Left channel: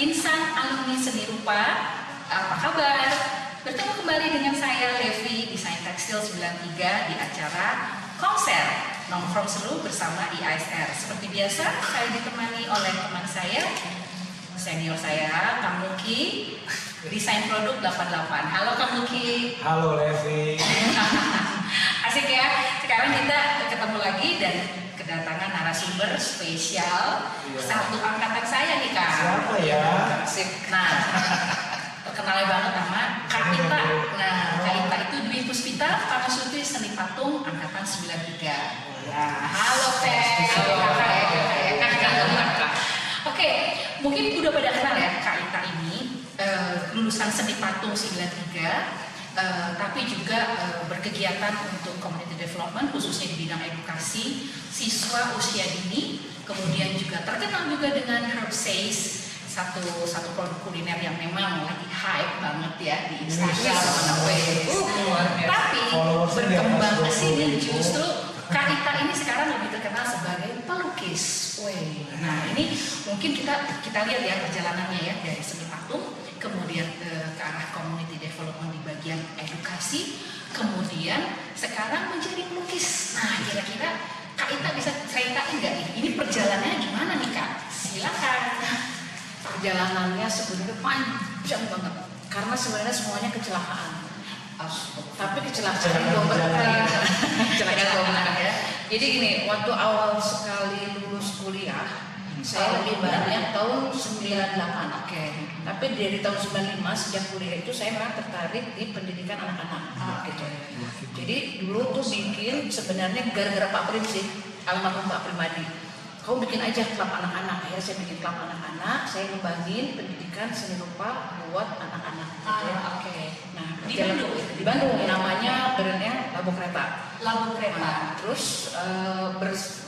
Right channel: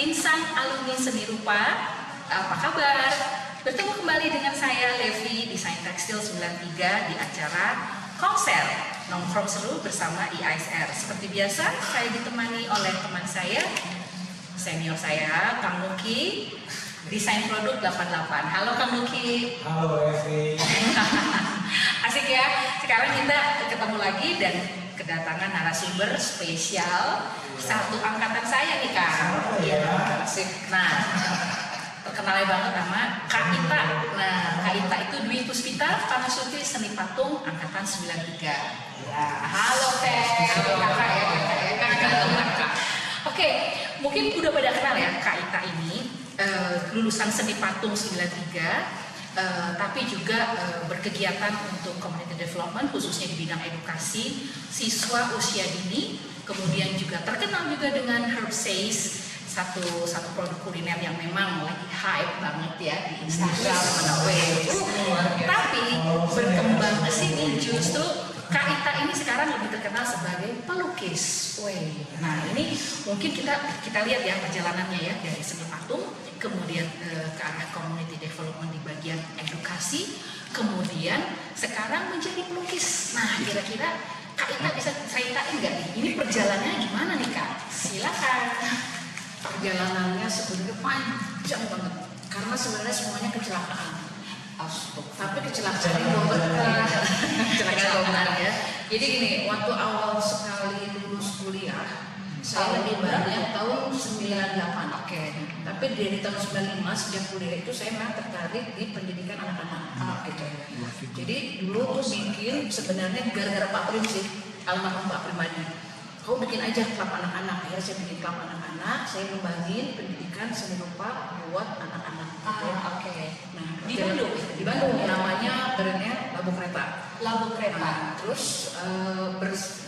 Insan Alumni Seni Rupa, apa kabar? Bertemu kembali dengan saya Levi, Desain Tekstil 93 di acara konser Nongkrong Seru bersama IASR. Seperti biasa, saya ditemani oleh teman saya, senior saya, Kang Muki, Desain Produk 88. Halo Kang Muki. Halo Levi. Asik ya, sekarang kita ketemu lagi dan kedatangan narasumber spesial satu angkatan saya nih Kak. Siapa ya? Asik. Nah, terkenalnya banget sama Kak Ita. Nah, Kak Ita itu Dwi Puspita Parasuti Seni Patung angkatan 93. Ya, halo Teh. Halo Kakak ya, Kakak. Oke, mungkin udah pada kenal ya Kak Ita ini lulusan Seni Patung 93. Tapi juga berkegiatan untuk community development khususnya di bidang edukasi siswa usia dini, kemudian juga terkenal juga dengan Herb Says, satu produk kuliner yang memang lagi hype banget ya di Instagram mana tapi berkembang ke sini justru Kak Ita ini sekarang lebih terkenal sebagai pelukis. Nah ini mungkin kita lihat ya perjalanannya ya dari seni patung kemudian ke arah community development di bagian edukasi, kemudian sekarang menjadi pelukis. Nah kira-kira Kak Ita bisa ceritain nggak nih, ini perjalanannya gimana nih Kak? Silakan. Perjalanannya sebenarnya panjang banget, karena sebenarnya semuanya kecelakaan. Tapi kecelakaan berkah ya. Jadi gini, waktu awal sekali lulus kuliah, saya lebih banyak tahun 98. Oke. Tapi dari tahun 95 sejak kuliah itu saya memang tertarik di pendidikan anak-anak gitu. Jadi dulu tuh bikin sebenarnya gara-gara Pak Prim sih, almarhum Pak Primadi. Kamu bikin aja klub anak-anak. Akhirnya saya bikin klub anak-anak, saya ngembangin pendidikan seni rupa buat anak-anak. Oke. Nah, di Bandung namanya brandnya Labu Kereta. Labu Kereta. Nah, terus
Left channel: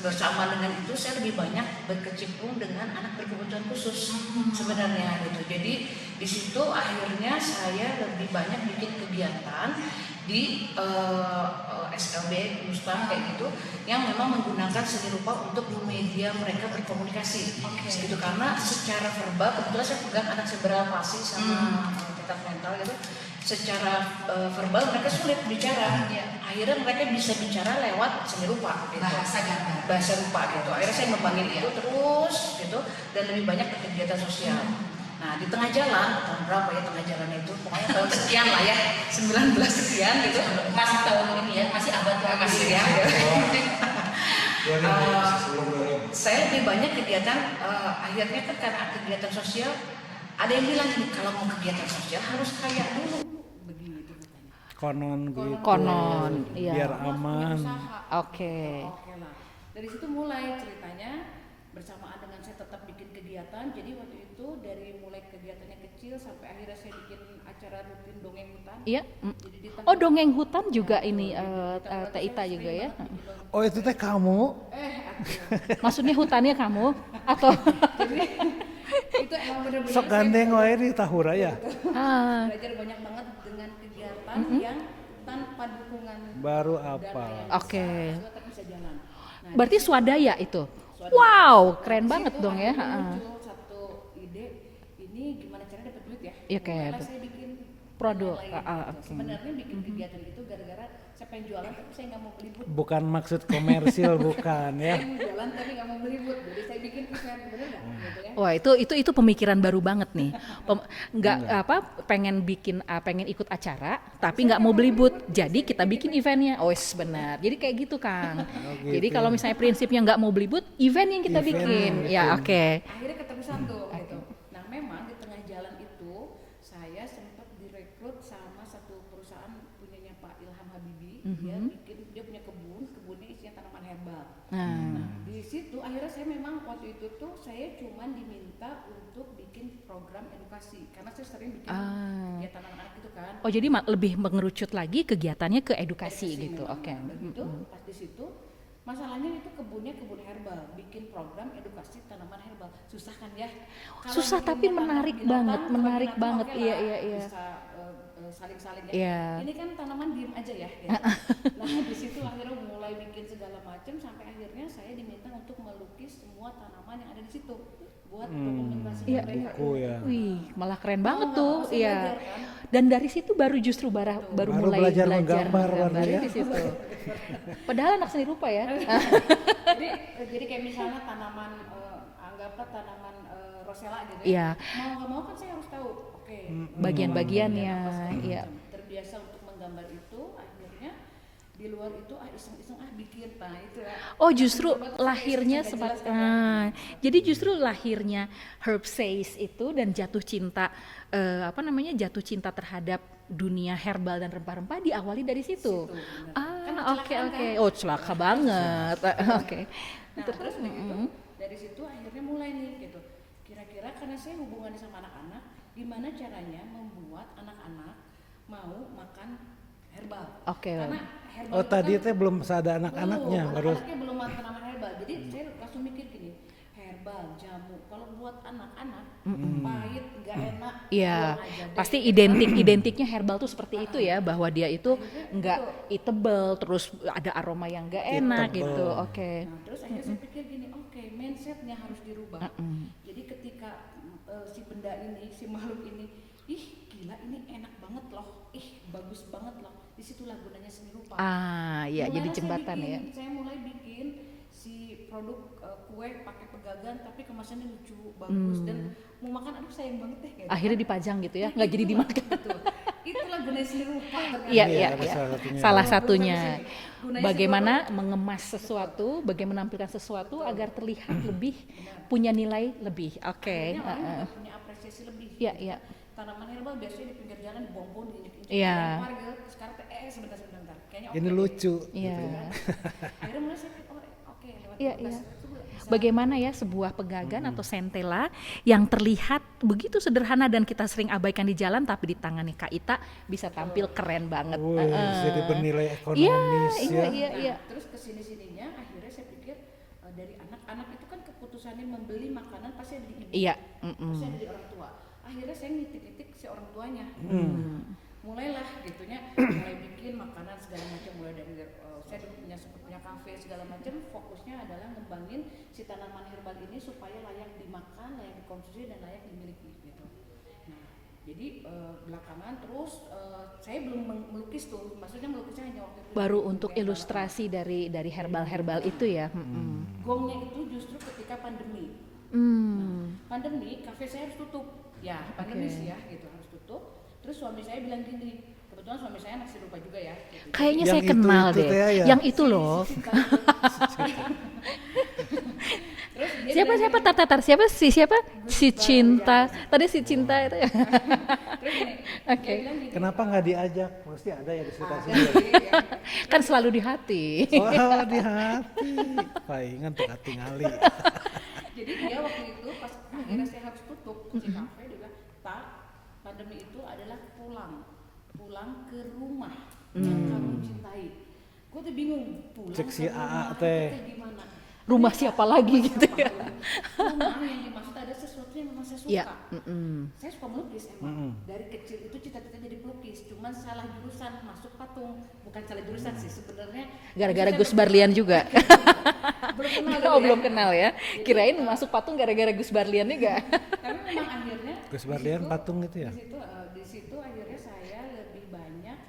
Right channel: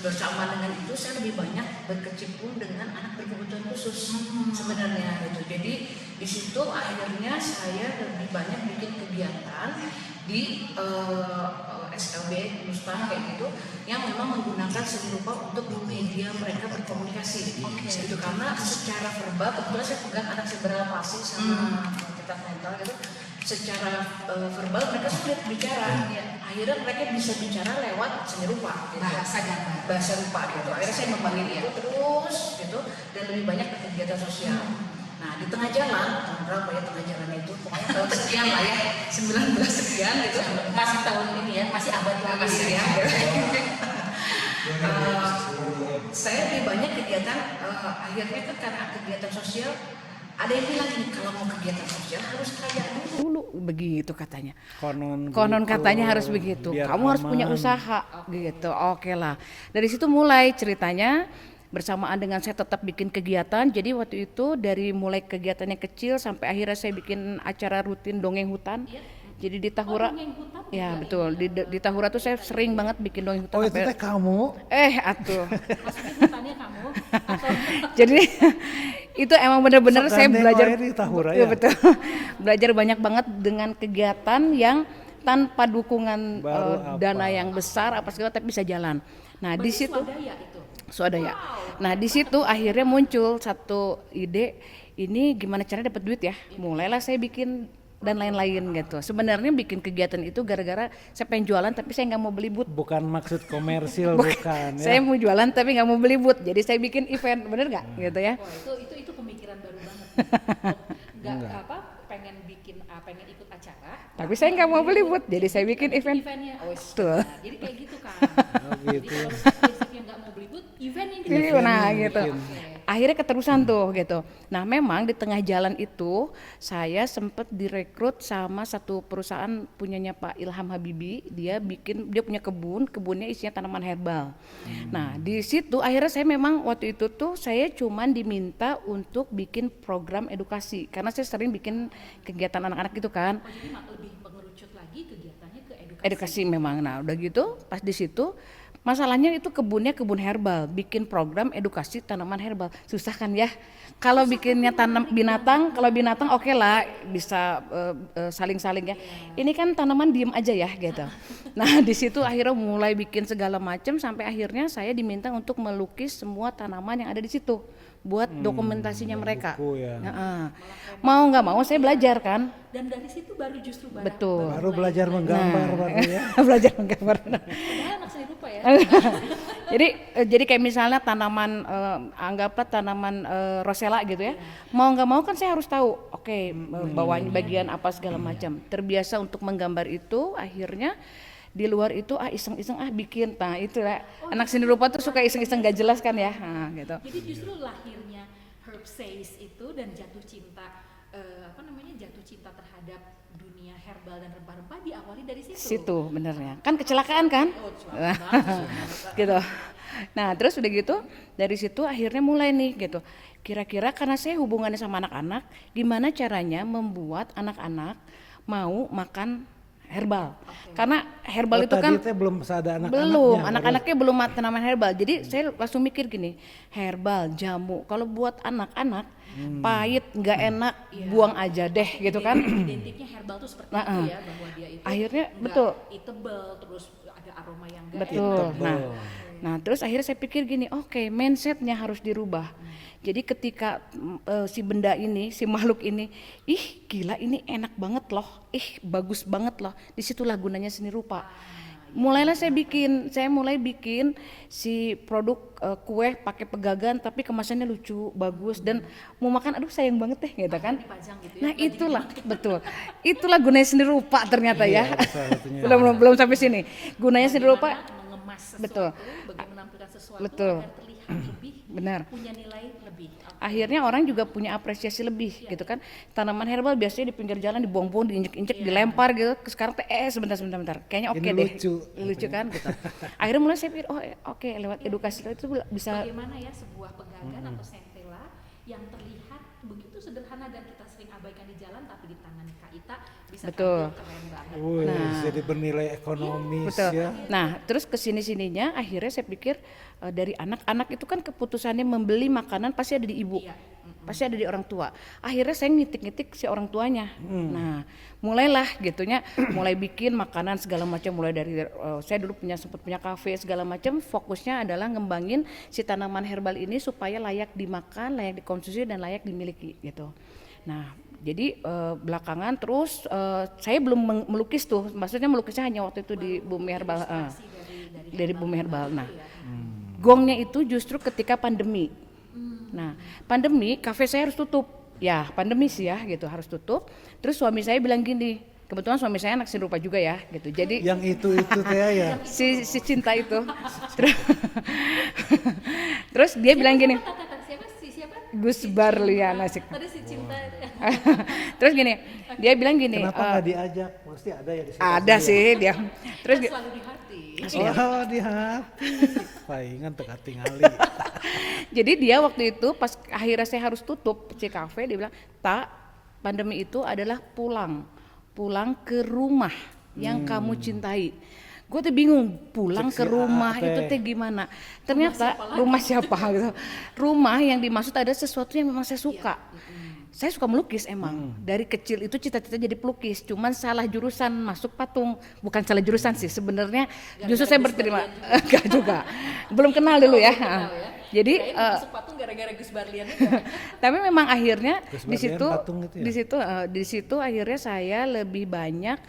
bersama dengan itu saya lebih banyak berkecimpung dengan anak berkebutuhan khusus sebenarnya gitu. Jadi di situ akhirnya saya lebih banyak bikin kegiatan di SLB Musta kayak gitu yang memang menggunakan seni rupa untuk media mereka berkomunikasi. Gitu karena secara verbal kebetulan saya pegang anak seberal palsi sama kita mental gitu. Secara verbal mereka sulit bicara. Akhirnya mereka bisa bicara lewat seni rupa gitu. Bahasa rupa gitu. Akhirnya saya ngembangin itu terus gitu dan lebih banyak ke kegiatan sosial. Nah di tengah jalan, tahun berapa ya tengah jalan itu? Pokoknya tahun sekian lah ya, 19 sekian gitu. Masih tahun ini ya, masih abad masih ya. Saya lebih banyak kegiatan, akhirnya kan karena kegiatan sosial, ada yang bilang ini kalau mau kegiatan sosial harus kaya dulu begitu katanya. Konon Katanya harus begitu. Kamu harus punya usaha. Gitu. Oke lah. Dari situ mulai ceritanya. Bersamaan dengan saya tetap bikin kegiatan, jadi waktu itu dari mulai kegiatannya kecil sampai akhirnya saya bikin acara rutin dongeng hutan. Iya. Jadi di Tahura. Oh dongeng hutan juga ya, betul. ini. Di Tahura tuh saya sering banget bikin dongeng hutan. Oh itu teh kamu? Atuh. Maksudnya hutannya kamu? Atau jadi itu emang benar-benar saya belajar di Tahura ya. Betul. Belajar banyak banget dengan kegiatan yang tanpa dukungan dana yang besar apa segala tapi bisa jalan. Nah, berarti di situ, swadaya itu. Swadaya. Wow. Nah, di situ akhirnya muncul satu ide, ini gimana caranya dapat duit ya? Mulailah saya bikin dan lain-lain gitu. Sebenarnya bikin kegiatan itu gara-gara saya pengen jualan tapi saya nggak mau beli booth. Bukan maksud komersil bukan ya. Saya mau jualan tapi nggak mau beli booth. Jadi saya bikin event, bener nggak? Gitu ya. Wah itu pemikiran baru banget nih. Pengen ikut acara tapi nggak mau beli booth. Jadi kita bikin eventnya. Oh benar. Jadi kayak gitu kan. Jadi kalau misalnya prinsipnya nggak mau beli booth, event yang kita bikin. Nah, gitu. Ya, oke. Akhirnya keterusan tuh gitu. Nah memang di tengah jalan itu saya sempat direkrut sama satu perusahaan punyanya Pak Ilham Habibi. Dia punya kebunnya isinya tanaman herbal. Nah di situ akhirnya saya memang waktu itu tuh saya cuman diminta untuk bikin program edukasi karena saya sering bikin kegiatan anak-anak gitu kan. Oh jadi lebih mengerucut lagi kegiatannya ke edukasi. Edukasi gitu. Memang. Nah udah gitu pas di situ Masalahnya itu kebunnya kebun herbal, bikin program edukasi tanaman herbal, susah kan ya? Kalau Susah, bikinnya tapi tanam menarik binatang, banget, kalau menarik binatang banget, oke lah, iya. bisa saling-saling ya. Iya. Ini kan tanaman diem aja ya gitu. Nah di situ akhirnya mulai bikin segala macam sampai akhirnya saya diminta untuk melukis semua tanaman yang ada di situ buat dokumentasinya mereka. buku ya. Malah keren Mau banget nggak tuh. mau saya Iya. belajar kan. Dan dari situ baru justru Betul. Baru mulai belajar menggambar baru ya. Belajar menggambar. Padahal anak seni rupa ya. jadi kayak misalnya tanaman anggaplah tanaman rosella gitu ya. Iya. Mau nggak mau kan saya harus tahu oke Bagian-bagiannya. bagian apa segala Iya. macam. Terbiasa untuk menggambar itu akhirnya di luar itu iseng-iseng bikin. Nah itu lah. Oh Anak seni justru rupa tuh suka iseng-iseng gak jelas kan ya. Nah, gitu. Jadi justru lahirnya Herb Says itu dan jatuh cinta jatuh cinta terhadap dunia herbal dan rempah-rempah diawali dari situ. Situ benernya. Ah, Kan kecelakaan oke, kan? oke. Oh celaka banget. Gitu. Nah terus udah gitu dari situ akhirnya mulai nih gitu. Kira-kira karena saya hubungannya sama anak-anak, gimana caranya membuat anak-anak mau makan herbal? Oke. Karena herbal itu Tadi kan teh belum ada anak-anaknya. belum, baru- anak-anaknya belum makan tanaman herbal. Jadi saya langsung mikir gini, herbal, jamu. Kalau buat anak-anak pahit, nggak enak, Iya. buang aja deh. Pasti gitu kan. identiknya herbal tuh seperti itu ya, bahwa dia itu Akhirnya, enggak betul. eatable, terus ada aroma yang enggak Betul. enak Betul. gitu. Oke. Nah terus akhirnya saya pikir gini, oke, mindsetnya harus dirubah. Jadi ketika si benda ini, si makhluk ini, ih gila ini enak banget loh, ih bagus banget loh. Disitulah gunanya seni rupa. Ya, Mulailah jadi saya jembatan bikin, ya. saya mulai bikin si produk kue pakai pegagan tapi kemasannya lucu, bagus dan mau makan aduh sayang banget deh gitu Akhirnya kan. dipajang gitu ya, Nah nggak jadi itulah, dimakan. betul. Itulah gunanya seni rupa ternyata Iya, ya. iya. Ada salah satunya. Salah Belum satunya. sampai sini. Gunanya seni rupa Bagaimana mengemas sesuatu, bagaimana menampilkan sesuatu Betul. agar terlihat lebih, Benar. punya nilai lebih. Oke. Akhirnya orang juga punya apresiasi lebih Iya, gitu iya. kan. Tanaman herbal biasanya di pinggir jalan dibuang-buang, diinjek-injek, Iya. dilempar gitu. Sekarang teh sebentar. Kayaknya oke Ini deh. lucu. Lucu kan. Gitu. Akhirnya mulai saya pikir oke lewat Iya, edukasi itu bisa bagaimana ya sebuah pegagan atau sentela yang terlihat begitu sederhana dan kita sering abaikan di jalan, tapi di tangannya Kak Ita bisa Betul. tampil keren banget. Wih, jadi bernilai ekonomis Betul. ya. Nah, terus kesini-sininya akhirnya saya pikir dari anak-anak itu kan keputusannya membeli makanan pasti ada di ibu, Iya. pasti ada di orang tua. Akhirnya saya ngitik-ngitik si orang tuanya. Nah, mulailah gitunya, mulai bikin makanan segala macam, mulai dari saya dulu sempat punya kafe segala macam. Fokusnya adalah ngembangin si tanaman herbal ini supaya layak dimakan, layak dikonsumsi dan layak dimiliki gitu. Nah, jadi belakangan terus saya belum melukis tuh, maksudnya melukisnya hanya waktu itu Baru di untuk Bumi Herbal. ilustrasi dari Dari herbal, Bumi Herbal. itu Nah. ya. Gongnya itu justru ketika pandemi. Nah, pandemi kafe saya harus tutup. Ya, pandemi sih ya gitu, harus tutup. Terus suami saya bilang gini, kebetulan suami saya anak seni rupa juga ya gitu. Jadi Kayaknya Yang saya kenal itu deh. teh ya? Yang itu loh. si cinta itu. Terus dia bilang gini, Siapa Gus si Barlian, cinta. asik. Tadi si cinta itu ya. terus gini, dia bilang gini. Kenapa nggak diajak? Pasti ada ya di situ. Ada sih dia. Terus Kan selalu di hati. Oh, di hati. Palingan tuh hati ngali. jadi dia waktu itu pas akhirnya saya harus tutup si kafe, dia bilang, "Tak, pandemi itu adalah pulang ke rumah yang kamu cintai." Gue tuh bingung, pulang Cek si ke rumah A, itu teh. teh gimana? Rumah Ternyata siapa lagi rumah gitu siapa gitu. Rumah yang dimaksud ada sesuatu yang memang saya suka. Iya. Saya suka melukis emang. Dari kecil itu cita-cita jadi pelukis, cuman salah jurusan masuk patung. Bukan salah jurusan sih sebenarnya. Gara-gara Justru saya Gus berterima- Barlian juga. Enggak juga. Belum kenal dulu ya. Belum kenal ya. Jadi Kirain masuk patung gara-gara Gus Barlian juga. tapi memang akhirnya Gus di Barlian situ patung itu ya? di situ akhirnya saya lebih banyak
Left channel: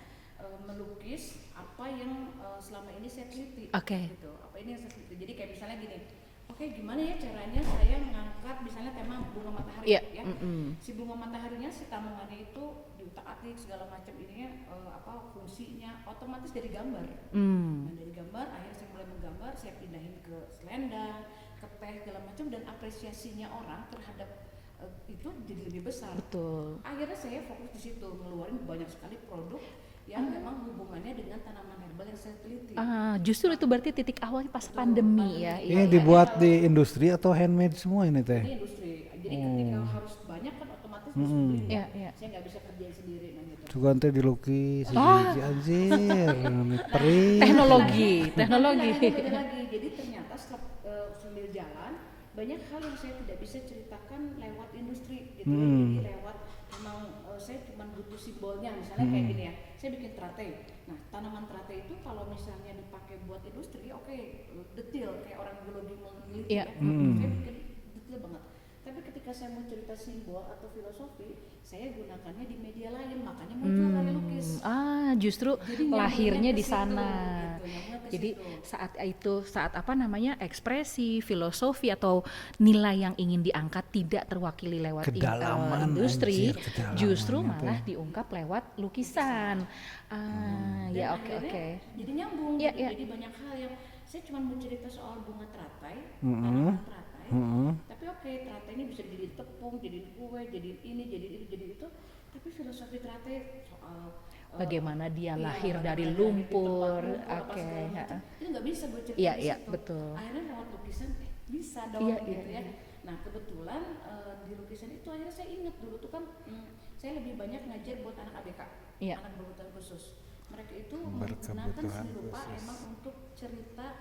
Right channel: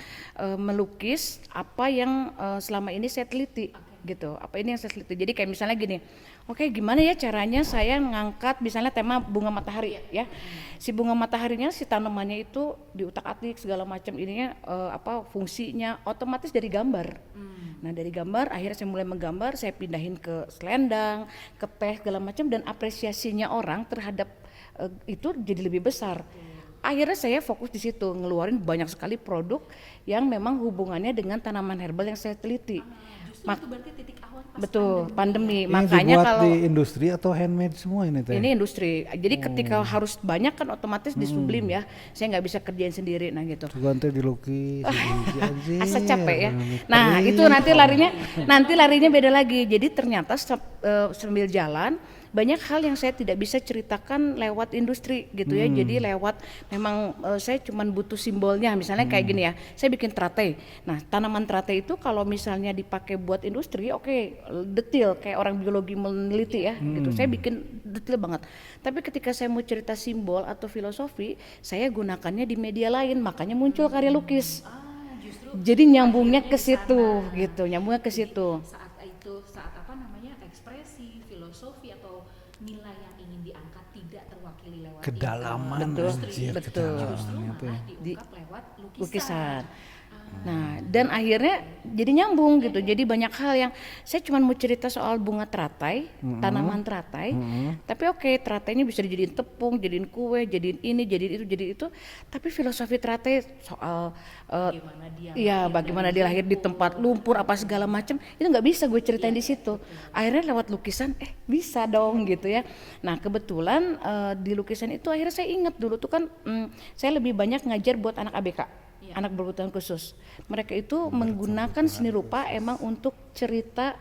melukis apa yang selama ini saya teliti. Oke. Gitu. Apa ini yang saya teliti. Jadi kayak misalnya gini. Oke, gimana ya caranya saya ngangkat misalnya tema bunga matahari ya. Si bunga mataharinya si tanamannya itu diutak-atik segala macam ininya apa fungsinya otomatis dari gambar. Nah, dari gambar akhirnya saya mulai menggambar, saya pindahin ke selendang, ke teh segala macam dan apresiasinya orang terhadap itu jadi lebih besar. Akhirnya saya fokus di situ, ngeluarin banyak sekali produk yang memang hubungannya dengan tanaman herbal yang saya teliti. Justru itu berarti titik awal pas Betul, pandemi. pandemi. Ya. Ini Makanya dibuat kalau di industri atau handmade semua ini teh? ini industri, jadi ketika harus banyak kan otomatis disublim ya. Saya nggak bisa kerjain sendiri, nah gitu. Juga nanti dilukis, anjir. Asa capek ya. Mikir. Nah itu nanti Teknologi. larinya beda lagi. Jadi ternyata sambil jalan banyak hal yang saya tidak bisa ceritakan lewat industri gitu ya. Jadi lewat memang saya cuman butuh simbolnya. Misalnya kayak gini ya, saya bikin teratai. Nah tanaman teratai itu kalau misalnya dipakai buat industri, oke, detail kayak orang biologi meneliti ya. Gitu. Saya bikin detail banget. Tapi ketika saya mau cerita simbol atau filosofi, saya gunakannya di media lain, makanya muncul karya lukis. Justru Jadi nyambungnya lahirnya ke di situ sana. gitu, nyambungnya ke Jadi situ. saat apa namanya ekspresi, filosofi atau nilai yang ingin diangkat tidak terwakili lewat Kedalaman, industri, anjir, betul. kedalaman Justru itu malah ya. diungkap lewat lukisan. Lukisan. Ah, Nah, dan ya, akhirnya oke. jadi nyambung gitu. Jadi banyak hal yang saya cuma mau cerita soal bunga teratai, tanaman teratai. Tapi oke, teratainya bisa dijadiin tepung, jadiin kue, jadiin ini, jadiin itu, jadiin itu. Tapi filosofi teratai soal bagaimana dia iya, lahir bagaimana dari dia lahir di lumpur. tempat lumpur apa segala macam, itu nggak bisa gue ceritain Iya, di iya, situ. betul. Akhirnya lewat lukisan, bisa dong gitu ya. Nah kebetulan di lukisan itu akhirnya saya ingat dulu tuh kan saya lebih banyak ngajar buat anak ABK, anak berkebutuhan khusus. Mereka itu menggunakan seni rupa emang untuk cerita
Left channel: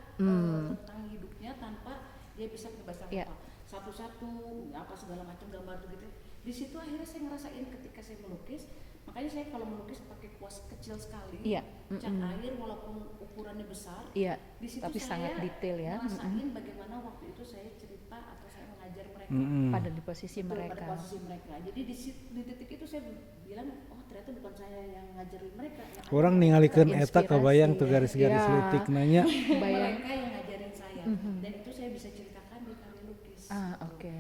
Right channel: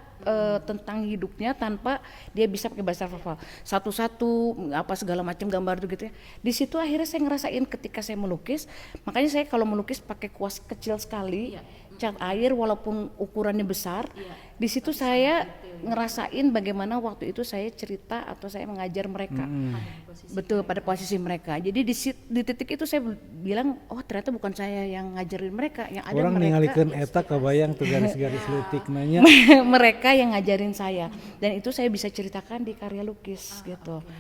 tentang hidupnya tanpa dia bisa pakai bahasa hafal. Satu-satu apa segala macam gambar itu gitu ya. Di situ akhirnya saya ngerasain ketika saya melukis, makanya saya kalau melukis pakai kuas kecil sekali, cat air walaupun ukurannya besar. Iya, Di situ tapi saya sangat detail ya. ngerasain bagaimana waktu itu saya cerita atau saya mengajar mereka. pada di posisi Betul, mereka. pada posisi mereka. Jadi di titik itu saya bilang, oh ternyata bukan saya yang ngajarin mereka, yang ada Orang mereka ningalikeun yang eta kebayang tuh garis-garis leutik nanya. mereka yang ngajarin saya. Dan itu saya bisa ceritakan di karya lukis gitu. oke.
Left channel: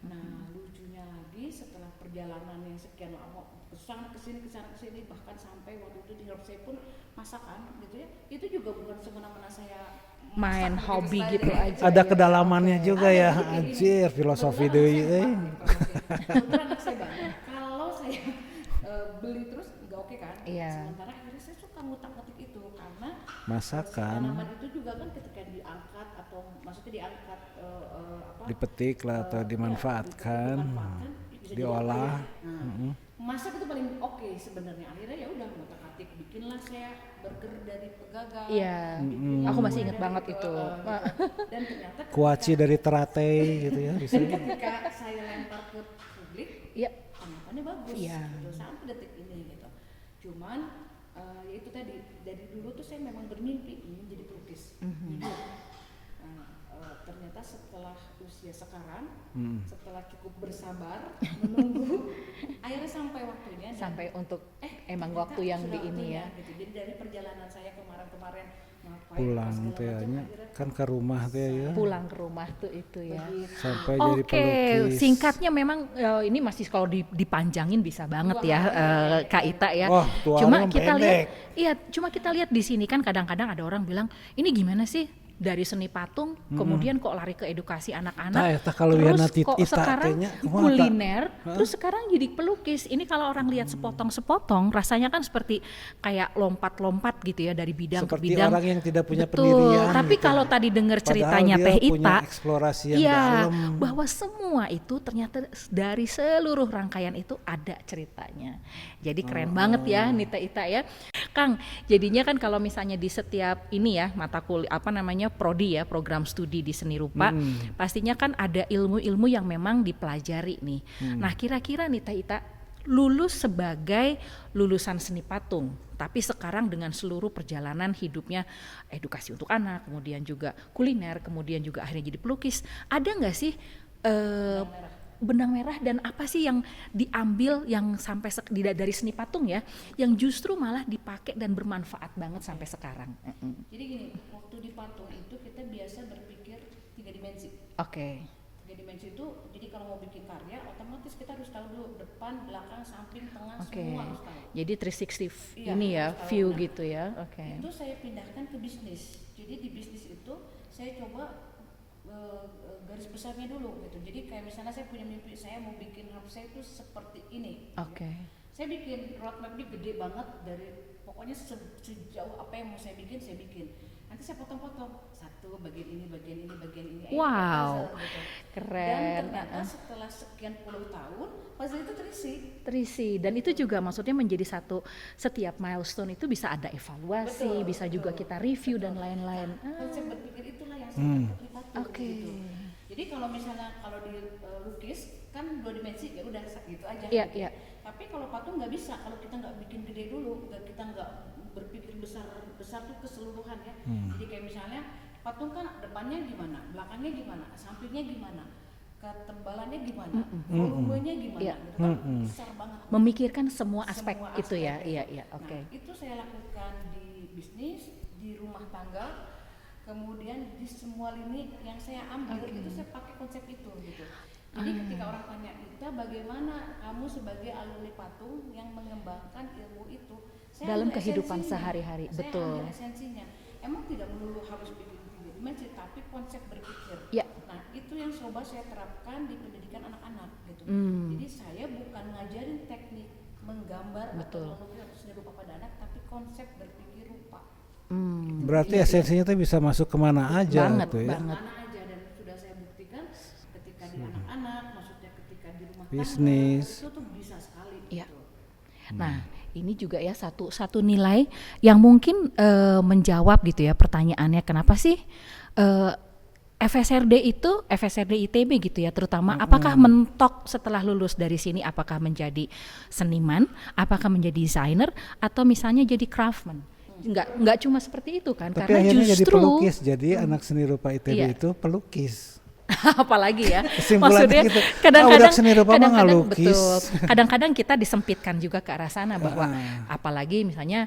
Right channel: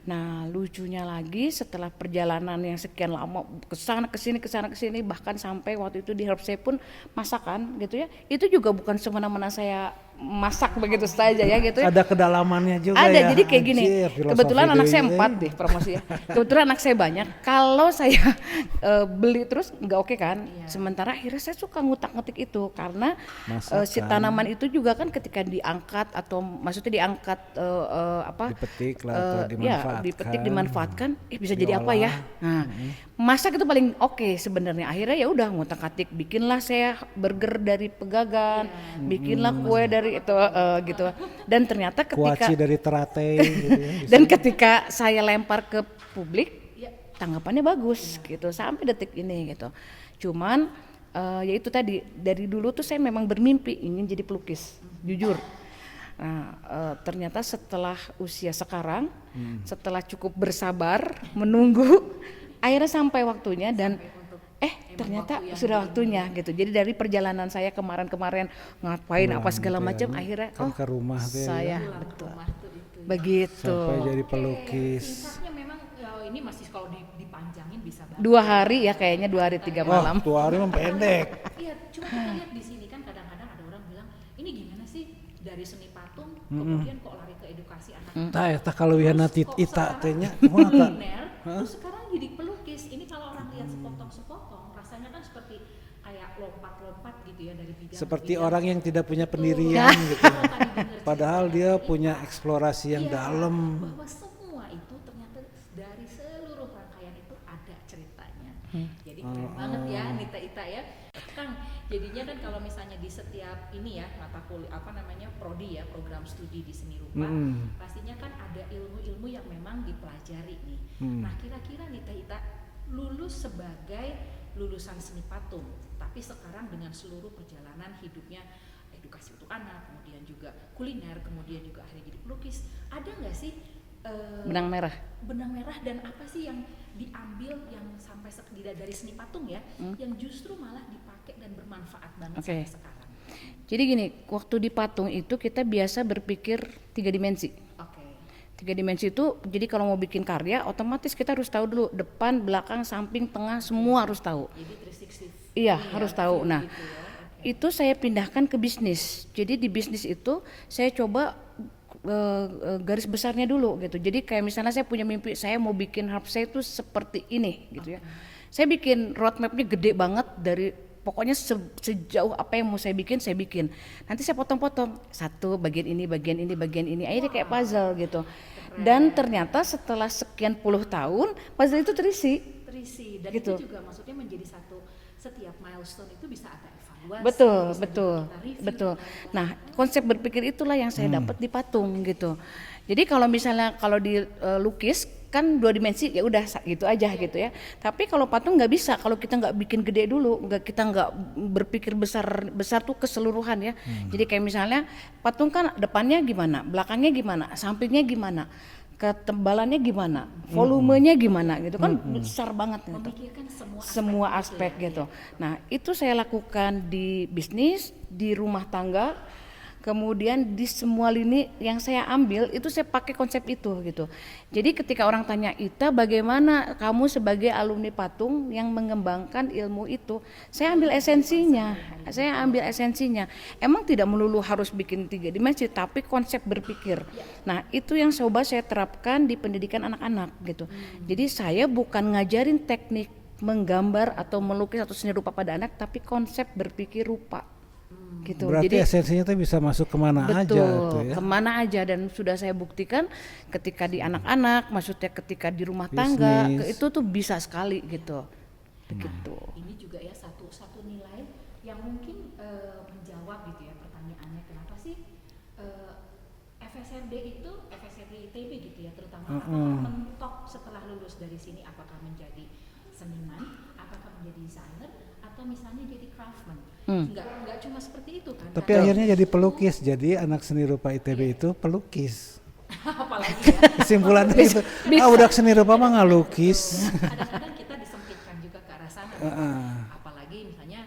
Nah, lucunya lagi setelah perjalanan yang sekian lama kesana kesini bahkan sampai waktu itu di Herbsay pun masakan gitu ya. Itu juga bukan semena-mena saya masak Main begitu hobi saja gitu ya gitu ya. Ada kedalamannya juga Ada, ya. jadi kayak gini, Anjir, filosofi kebetulan anak deui, saya 4 euy. deh promosi ya. Kebetulan anak saya banyak, kalau saya beli terus nggak oke kan. Iya. Sementara akhirnya saya suka ngutak-ngutik itu karena si Masakan. tanaman itu juga kan ketika diangkat atau maksudnya diangkat apa Dipetik lah atau ya, dimanfaatkan. dipetik dimanfaatkan, bisa jadi apa ya? Nah, masak itu paling oke sebenarnya. Akhirnya ya udah ngutak-atik, bikinlah saya burger dari pegagan, Iya. bikinlah kue dari itu gitu. Dan ternyata Kuaci ketika dari teratai gitu ya. bisa. dan ketika saya lempar ke publik, Ya. tanggapannya bagus gitu sampai detik ini gitu. Cuman ya itu tadi, dari dulu tuh saya memang bermimpi ingin jadi pelukis, jujur. Nah, ternyata setelah usia sekarang, setelah cukup bersabar menunggu, akhirnya sampai waktunya dan Sampai untuk emang ternyata waktu yang sudah begini. waktunya gitu. Jadi dari perjalanan saya kemarin-kemarin ngapain apa Pulang segala teh, macam, ya. akhirnya Kan ke rumah teh saya ya. pulang ke rumah tuh itu ya. begitu. Sampai jadi pelukis. Singkatnya memang ini masih kalau dipanjangin bisa banget 2 ya. hari ya kayaknya, 2 Kak hari Ita 3 ya. Wah, malam. 2 hari Cuma mah kita pendek. Iya, cuma kita lihat di sini kan kadang-kadang ada orang bilang, ini gimana sih dari seni patung kemudian kok lari ke edukasi anak-anak. Tah eta kaluwihanna Terus kok Ita sekarang teh nya kumaha tah? kuliner, terus sekarang jadi pelukis. Ini kalau orang lihat sepotong-sepotong rasanya kan seperti kayak lompat-lompat gitu ya dari bidang Seperti ke bidang. orang yang tidak punya Betul. pendirian Tapi gitu. kalau tadi dengar Padahal ceritanya dia Teh punya Ita, eksplorasi yang iya, dalam. bahwa semua itu ternyata dari seluruh rangkaian itu ada ceritanya. Jadi keren banget ya Nita Ita ya. Kang, jadinya kan kalau misalnya di setiap ini ya mata kuliah apa namanya prodi ya, program studi di seni rupa, pastinya kan ada ilmu-ilmu yang memang dipelajari nih. Nah, kira-kira Nita Ita lulus sebagai lulusan seni patung, tapi sekarang dengan seluruh perjalanan hidupnya edukasi untuk anak, kemudian juga kuliner, kemudian juga akhirnya jadi pelukis. Ada nggak sih benang merah dan apa sih yang diambil yang sampai dari seni patung ya, yang justru malah dipakai dan bermanfaat banget sampai sekarang? Jadi gini, waktu di patung itu kita biasa berpikir 3 dimensi. Oke. 3 dimensi itu, jadi kalau mau bikin karya, otomatis kita harus tahu dulu depan, belakang, samping, tengah, semua harus tahu. Jadi 360 Iya, ini harus ya, tahu. view Nah, gitu ya. Oke. itu saya pindahkan ke bisnis. Jadi di bisnis itu saya coba garis besarnya dulu gitu. Jadi kayak misalnya saya punya mimpi, saya mau bikin Herbsay itu seperti ini gitu ya. Saya bikin roadmapnya gede banget dari pokoknya sejauh apa yang mau saya bikin. Nanti saya potong-potong satu bagian ini, akhirnya kayak Wow. puzzle gitu. Keren. Dan ternyata setelah sekian puluh tahun puzzle itu terisi. Dan Gitu. itu juga maksudnya menjadi setiap milestone itu bisa ada evaluasi, Betul, bisa betul, juga kita review betul. dan lain-lain. Nah, konsep berpikir itulah yang saya dapat di patung gitu. Jadi kalau misalnya di lukis kan 2 dimensi ya udah gitu aja Iya, gitu ya. Tapi kalau patung nggak bisa kalau kita nggak bikin gede dulu, kita nggak berpikir besar tuh keseluruhan ya. Jadi kayak misalnya patung kan depannya gimana, belakangnya gimana, sampingnya gimana, ketebalannya gimana, volumenya gimana gitu kan besar banget. Gitu. memikirkan semua Aspek itu ya. gitu. Iya, iya, Nah, oke. itu saya lakukan di bisnis, di rumah tangga, kemudian di semua lini yang saya ambil itu saya pakai konsep itu gitu. Jadi ketika orang tanya, Ita bagaimana kamu sebagai alumni patung yang mengembangkan ilmu itu, saya Dalam ambil kehidupan esensinya. sehari-hari, Saya betul. ambil esensinya. Emang tidak melulu harus bikin 3 dimensi, tapi konsep berpikir. Ya. Nah, itu yang coba saya terapkan di pendidikan anak-anak gitu. Jadi saya bukan ngajarin teknik menggambar atau melukis atau seni rupa pada anak, tapi konsep berpikir rupa. Gitu. Berarti Jadi, esensinya tuh bisa masuk kemana betul, aja gitu ya. kemana aja, dan sudah saya buktikan ketika di anak-anak, maksudnya ketika di rumah tangga, Bisnis. itu tuh bisa sekali gitu. Nah, ini juga ya satu nilai yang mungkin menjawab gitu ya pertanyaannya, kenapa sih FSRD ITB gitu ya, terutama apakah mentok setelah lulus dari sini, apakah menjadi seniman, apakah menjadi desainer, atau misalnya jadi craftsman. Nggak cuma seperti itu kan. Tapi karena akhirnya jadi justru- pelukis, jadi anak seni rupa ITB Iya. itu pelukis. apalagi ya. Kesimpulannya Maksudnya gitu. kadang-kadang- Udah seni rupa mah nggak kadang-kadang lukis. betul. Kadang-kadang kita disempitkan juga ke arah sana bahwa apalagi misalnya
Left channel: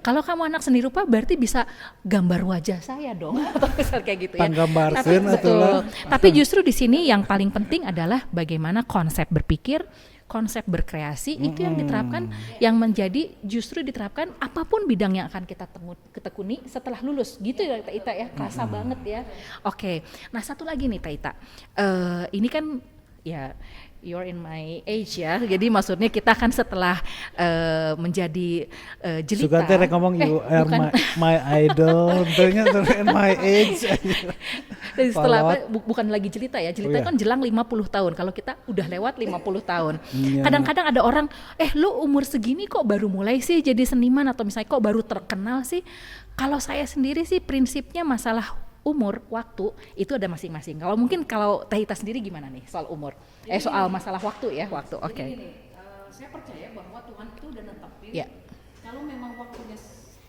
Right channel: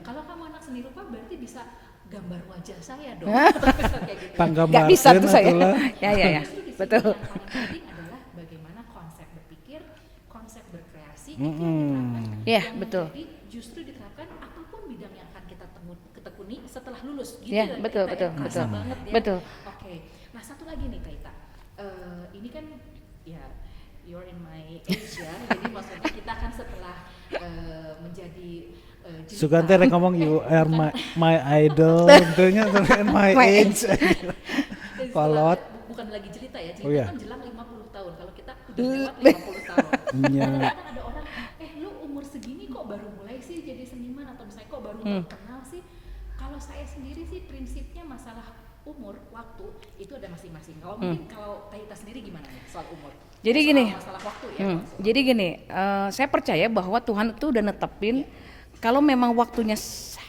kalau kamu anak seni rupa berarti bisa gambar wajah saya dong. Kayak gitu ya. Panggambarkeun Nggak bisa tuh atulah. saya. Tapi justru di sini yang paling penting adalah bagaimana konsep berpikir, konsep berkreasi itu yang diterapkan, Ya, yang betul. menjadi justru diterapkan apapun bidang yang akan kita tekuni setelah lulus gitu Ya, ya, betul, Taita, ya. betul, Kerasa betul. banget ya. Betul. Oke, nah satu lagi nih Taita, ini kan ya you're in my age ya, jadi maksudnya kita kan setelah menjadi jelita. Sugante rek ngomong you are my idol, tentunya my age. Setelah Palawat. bukan lagi jelita ya, jelita Oh, iya. kan jelang 50 tahun. Kalau kita udah lewat 50 tahun. Iya. Kadang-kadang ada orang, lu umur segini kok baru mulai sih jadi seniman, atau misalnya kok baru terkenal sih. Kalau saya sendiri sih prinsipnya masalah umur, waktu itu ada masing-masing. Kalau mungkin kalau Tahita sendiri gimana nih soal umur? Jadi soal gini. masalah waktu ya, waktu. Jadi Oke. gini, saya percaya bahwa Tuhan itu udah netepin Iya. kalau memang waktunya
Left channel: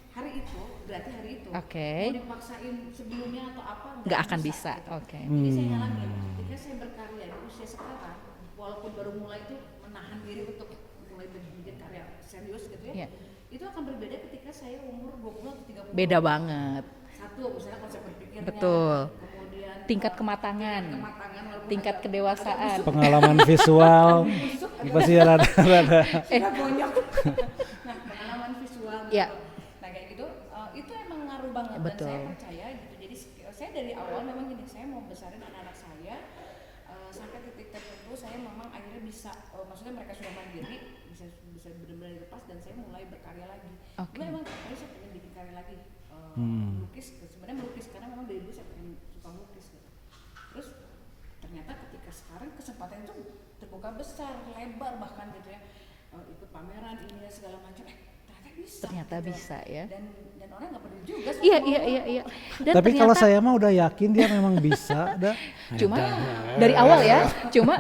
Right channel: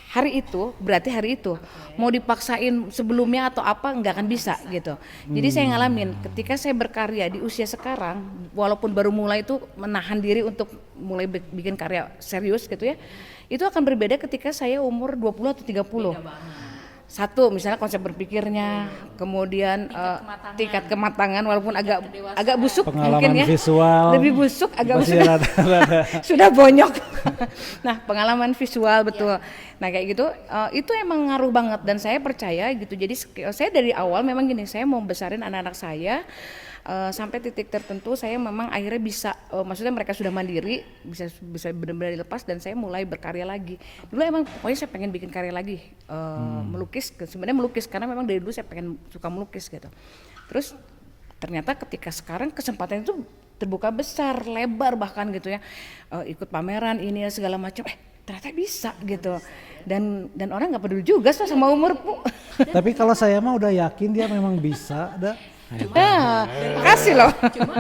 hari itu, berarti hari itu. Oke. Mau dipaksain sebelumnya atau apa nggak Nggak akan bisa, bisa, gitu. oke. Jadi saya ngalamin ketika saya berkarya di usia sekarang, walaupun baru mulai itu menahan diri untuk mulai bikin karya serius gitu ya. Iya. Itu akan berbeda ketika saya umur 20 atau 30. Beda banget. Satu, misalnya konsep berpikirnya, Betul. kemudian Tingkat kematangan. walaupun Tingkat kedewasaan. agak busuk, Pengalaman visual. lebih busuk, agak Masih rada-rada. sudah bonyok. Nah, pengalaman visual betul. Ya. Nah, kayak gitu, itu emang ngaruh banget dan saya percaya gitu. Jadi saya dari awal memang gini, saya mau besarin anak-anak saya sampai titik tertentu saya memang akhirnya bisa, maksudnya mereka sudah mandiri, bisa benar-benar dilepas dan saya mulai berkarya lagi. Dulu emang pokoknya saya pengen bikin karya lagi, melukis. Sebenarnya melukis karena memang dari dulu saya pengen suka melukis gitu. Terus ternyata ketika sekarang kesempatan itu terbuka besar, lebar bahkan gitu ya, ikut pameran ini ya segala macam, ternyata bisa gitu. bisa, ya. Dan orang nggak peduli juga Iya, sama iya, umurku. iya, iya. Dan Tapi kalau ternyata- saya mah udah yakin dia memang bisa, dah. cuma dari awal Kasih ya, loh.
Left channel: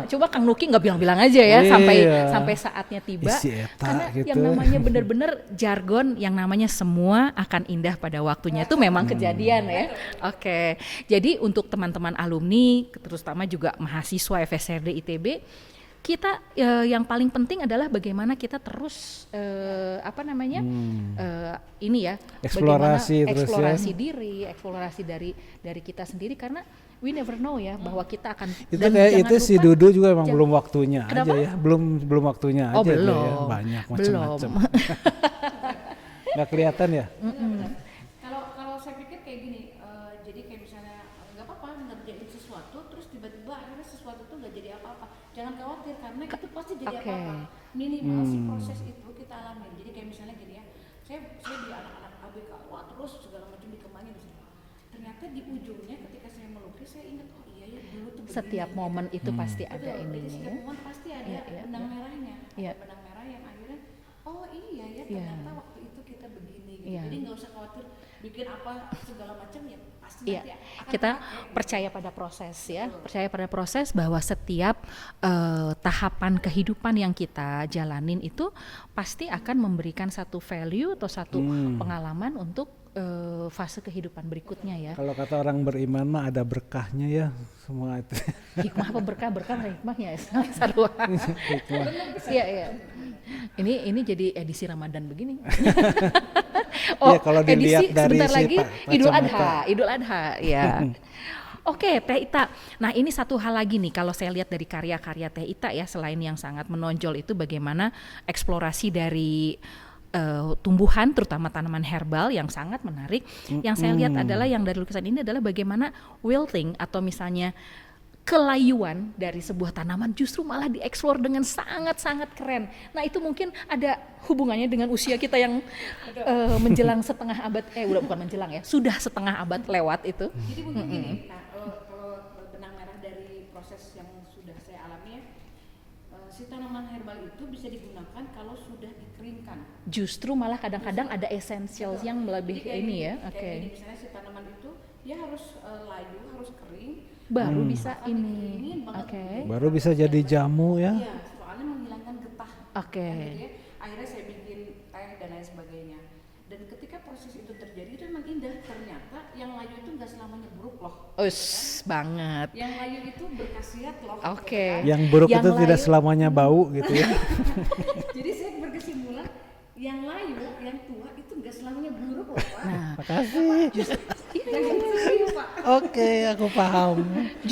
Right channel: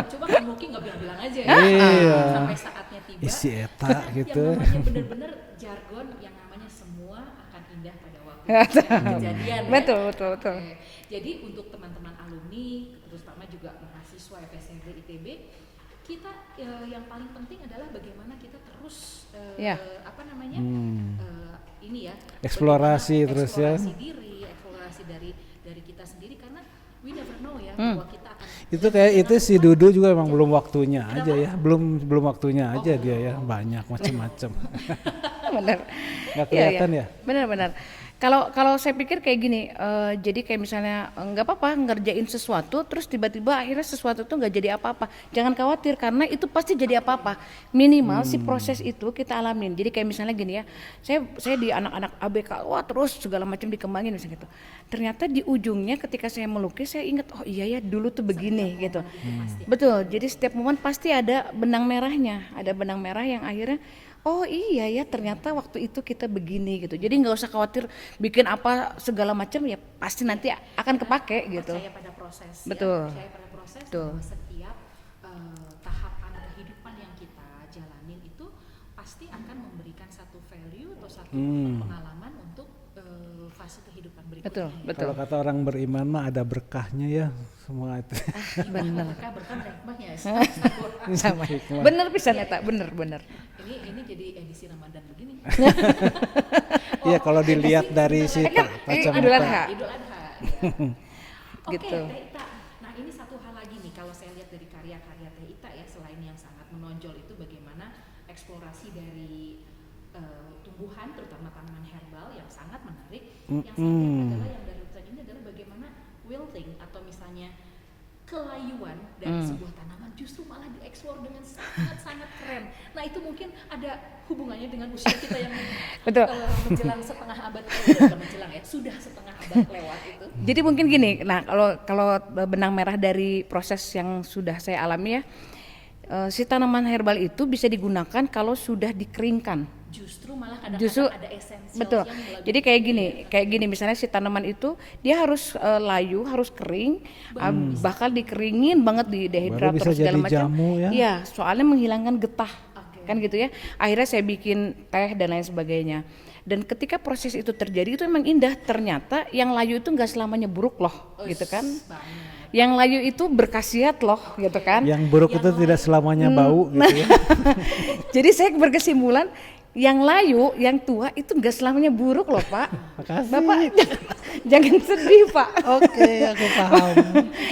cuma Kang Nuki nggak bilang-bilang aja ya, Iya. sampai saatnya tiba. Isi eta Karena gitu. yang namanya bener-bener jargon, yang namanya semua akan indah pada waktunya itu memang kejadian ya. Betul, betul, Oke. Jadi untuk teman-teman alumni, terutama juga mahasiswa FSRD ITB, kita yang paling penting adalah bagaimana kita terus apa namanya ini ya, Eksplorasi bagaimana terus ya. eksplorasi diri, eksplorasi dari kita sendiri, karena we never know ya bahwa kita akan. Itu dan kayak jangan itu si lupa- Dudu juga emang belum waktunya Kenapa? aja ya. Belum waktunya Oh, aja dia ya. belum. Banyak macam-macam. Benar. Nggak kelihatan ya? Benar-benar. Kalau saya pikir kayak gini, jadi kayak misalnya nggak apa-apa ngerjain sesuatu, terus tiba-tiba akhirnya sesuatu tuh nggak jadi apa-apa. Jangan khawatir karena itu pasti jadi apa-apa. Minimal si proses itu kita alamin. Jadi kayak misalnya gini ya, saya di anak-anak ABK, wah terus segala macam dikembangin misalnya gitu. Ternyata di ujungnya ketika saya melukis saya ingat, oh iya ya dulu tuh begini Setiap gitu. momen itu pasti Betul. Jadi setiap momen pasti ada benang merahnya, ada benang merah yang akhirnya oh iya ya ternyata waktu itu kita begini gitu. Jadi nggak usah khawatir bikin apa segala macam ya pasti nanti akan kita kepake gitu. percaya pada proses Betul. ya, percaya pada proses bahwa setiap tahapan kehidupan yang kita jalanin itu pasti akan memberikan satu value atau satu pengalaman untuk fase kehidupan berikutnya ya. Kalau kata orang beriman mah ada berkahnya ya semua itu. Hikmah berkah hikmahnya ya. Hikmah. Bener bisa Iya, Neta, iya. bener. Ini jadi edisi Ramadan begini. Iya, kalau dilihat edisi dari sebentar si lagi, kacamata. Idul Adha ya. Oke, Gitu. Teh Ita. Nah, ini satu hal lagi nih kalau saya lihat dari karya-karya Teh Ita ya, selain yang sangat menonjol itu bagaimana eksplorasi dari tumbuhan terutama tanaman herbal yang sangat menarik. Yang saya lihat adalah yang dari lukisan ini adalah bagaimana wilting atau misalnya kelayuan dari sebuah tanaman justru malah dieksplor dengan sangat-sangat keren. Nah, itu mungkin ada hubungannya dengan usia kita yang Betul. menjelang setengah abad, bukan menjelang ya, sudah setengah abad lewat itu. Jadi mungkin gini, nah kalau benang merah dari proses yang sudah saya alami ya, si tanaman herbal itu bisa digunakan kalau sudah dikeringkan. Justru malah Justru, kadang-kadang ada esensial betul. yang lebih Jadi kayak ini gini, ya. kayak Oke. gini misalnya si tanaman itu dia harus layu, harus kering, bahkan dikeringin banget di dehidrator Baru bisa segala jadi macam. jamu ya. Iya, soalnya menghilangkan getah, Oke. kan gitu ya. Akhirnya saya bikin teh dan lain sebagainya. Dan ketika proses itu terjadi itu emang indah. Ternyata yang layu itu nggak selamanya buruk loh, gitu kan. Banget. Yang layu itu berkhasiat loh, Oke. gitu kan. Yang buruk Yang itu tidak lain- selamanya bau gitu ya. Jadi saya berkesimpulan yang layu, yang tua itu nggak selamanya buruk loh Pak. Makasih. Bapak jangan sedih Pak. Oke, aku paham.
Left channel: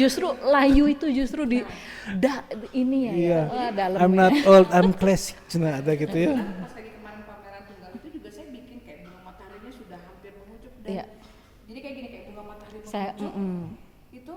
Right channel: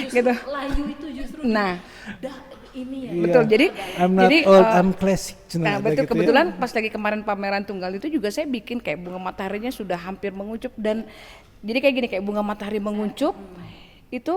Justru layu itu justru Nah. ini ya. Iya. Betul, jadi- I'm not Jadi, old, I'm classic. Nah, Ada betul, gitu ya. kebetulan pas lagi kemarin pameran tunggal itu juga saya bikin kayak bunga mataharinya sudah hampir menguncup dan jadi kayak gini kayak bunga matahari menguncup itu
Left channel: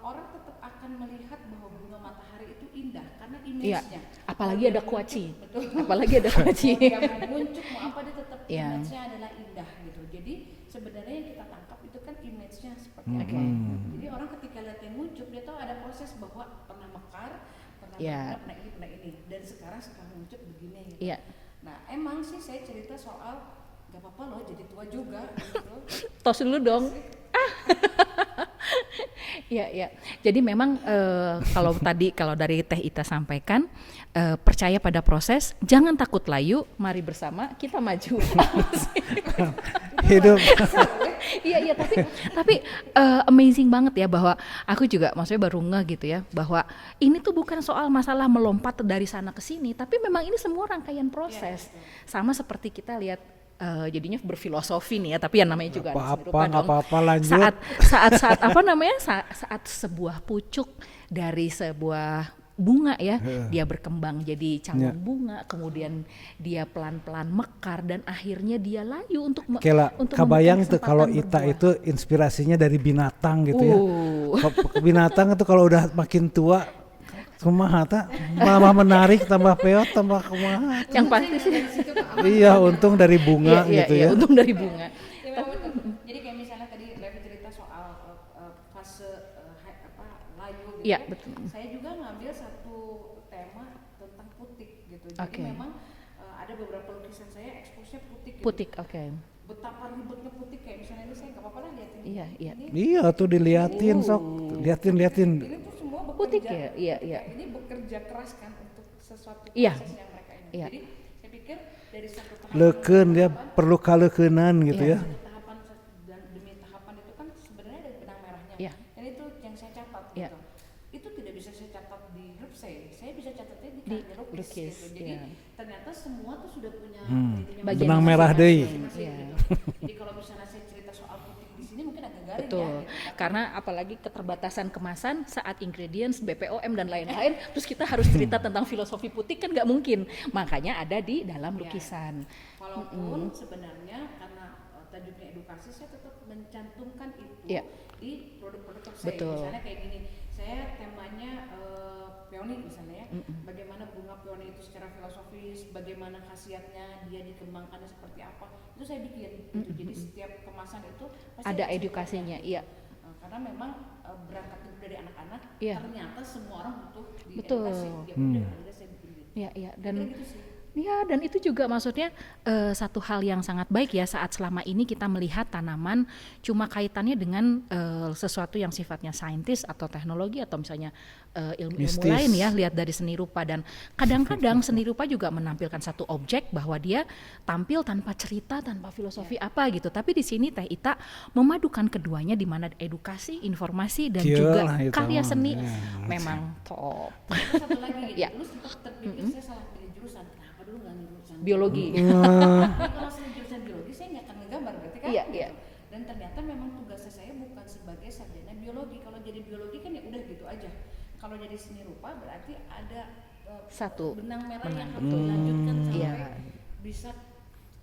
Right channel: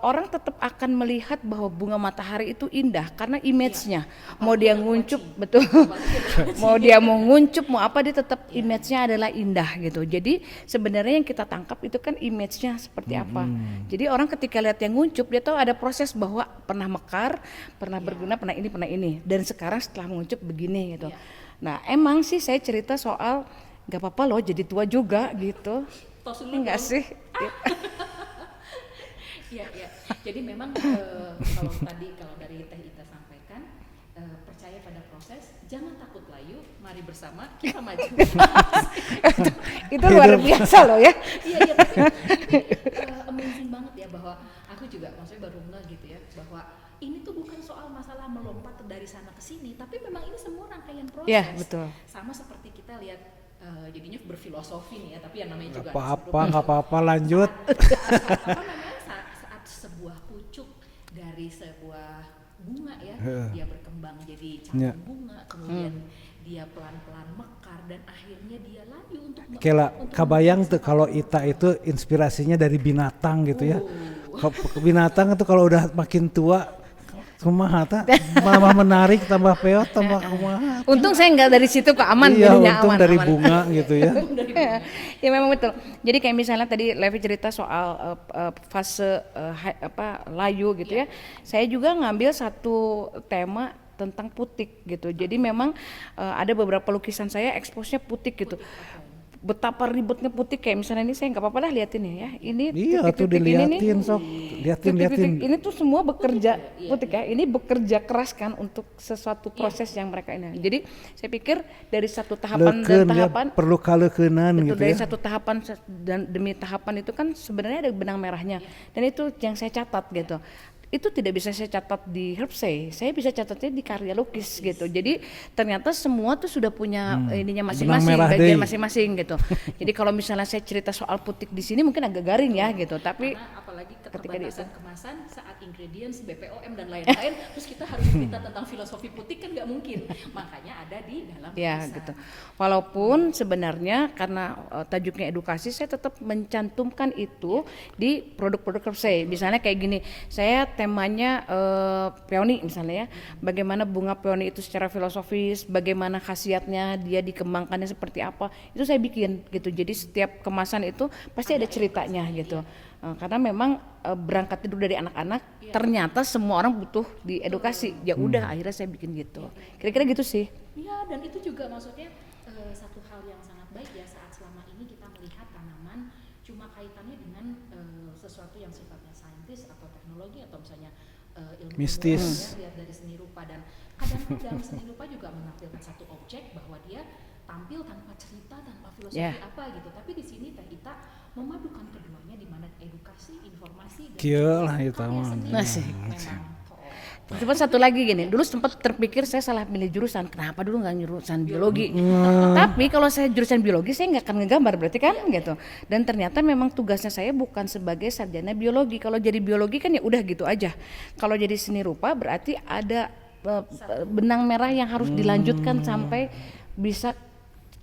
orang tetap akan melihat bahwa bunga matahari itu indah karena image-nya. Mau Apalagi dia ada nguncup, kuaci. betul. Apalagi ada kuaci. Mau dia mau nguncup mau apa dia tetap Iya. image-nya adalah indah gitu. Jadi sebenarnya yang kita tangkap itu kan image-nya seperti apa. Jadi orang ketika lihat yang nguncup dia tahu ada proses bahwa pernah mekar, pernah Iya. berguna, pernah ini dan sekarang setelah menguncup begini gitu. Iya. Nah, emang sih saya cerita soal nggak apa-apa loh jadi tua juga gitu. Tos dulu Enggak dong. sih. Iya, iya. Jadi memang kalau dari Teh Ita sampaikan percaya pada proses, jangan takut layu, mari bersama kita maju. Itu luar biasa loh ya. Iya, iya, tapi amazing banget ya bahwa aku juga maksudnya baru ngeh gitu ya bahwa ini tuh bukan soal masalah melompat dari sana ke sini, tapi memang ini semua rangkaian proses. Iya, betul. Sama seperti kita lihat jadinya berfilosofi nih ya, tapi yang namanya juga Nggak apa-apa, lanjut. saat apa namanya saat sebuah pucuk dari sebuah bunga ya dia berkembang jadi cabang bunga, kemudian dia pelan-pelan mekar dan akhirnya dia layu untuk Kela, untuk kabayang membuka tuh kalau kesempatan Ita berbuah. itu inspirasinya dari binatang gitu ya. Binatang itu kalau udah makin tua kumaha ta malah menarik, tambah peot, tambah kumaha. Untung saya nggak dari situ Pak, aman. Iya, jadinya untung aman, dari aman. bunga Iya, gitu iya, ya. untung dari bunga. Ya memang betul. Jadi kayak misalnya tadi Levi cerita soal fase layu gitu Iya, ya. Saya juga ngambil satu tema tentang putik gitu. Jadi memang ada beberapa lukisan saya expose-nya putik gitu. Putik, oke. Betapa ribetnya putik kayak misalnya ini saya nggak apa-apa dah liatin ya. Ini Iya tuh putik-putik ini diliatin nih, sok, liatin. putik-putik ini tuh semua bekerja ya? Iya, putik iya. ya. Ini bekerja keras kan untuk sesuatu Iya. proses yang mereka ini. Iya. Jadi saya pikir dari satu tahapan Leukeun dan dia tahapan perlu kaleukeunnan gitu dari ya. satu tahapan dan demi tahapan itu kan sebenarnya ada benang merahnya. Iya. Dan itu yang saya catat gitu. itu tidak bisa saya catat di Herbsay, saya bisa catatnya di karya lukis gitu. Jadi ternyata semua tuh sudah punya ininya Benang masing-masing, merah bagian deui. masing-masing gitu. Jadi kalau misalnya saya cerita soal putik di sini mungkin agak garing ya gitu, tapi Karena apalagi keterbatasan kemasan saat ingredients, BPOM dan lain-lain, terus kita harus cerita tentang filosofi putik kan nggak mungkin. Makanya ada di dalam ya lukisan. gitu. Walaupun sebenarnya karena tajuknya edukasi, saya tetap mencantumkan itu di produk-produk Herbsay. Misalnya kayak gini, saya temanya peony misalnya ya, bagaimana bunga peony itu secara filosofis, bagaimana khasiatnya, dia dikembangkannya seperti apa, itu saya bikin gitu. Jadi setiap kemasan itu pasti ada ceritanya edukasinya, gitu. iya. Karena memang berangkat dulu dari anak-anak, Iya. ternyata semua orang butuh diedukasi. Ya udah, akhirnya saya bikin gitu. Iya, iya. Kira-kira gitu sih. Ya, dan itu juga maksudnya satu hal yang sangat baik ya saat selama ini kita melihat tanaman cuma kaitannya dengan sesuatu yang sifatnya saintis atau teknologi atau misalnya ilmu-ilmu Mistis. lain ya, lihat dari seni rupa, dan kadang-kadang seni rupa juga menampilkan satu objek bahwa dia tampil tanpa cerita, tanpa filosofi apa gitu. Tapi di sini Teh Ita memadukan keduanya di mana edukasi, informasi dan Kieu juga lah itu karya mah. seni Nah, memang top. Cuma satu lagi gini, dulu sempat terpikir saya salah pilih jurusan. Kenapa dulu nggak jurusan biologi? Tapi kalau saya jurusan biologi saya nggak akan ngegambar berarti kan gitu. Dan ternyata memang tugasnya saya bukan sebagai sarjana biologi. Kalau jadi biologi kan ya udah gitu aja. Kalau jadi seni rupa berarti ada benang merah yang harus dilanjutkan sampai bisa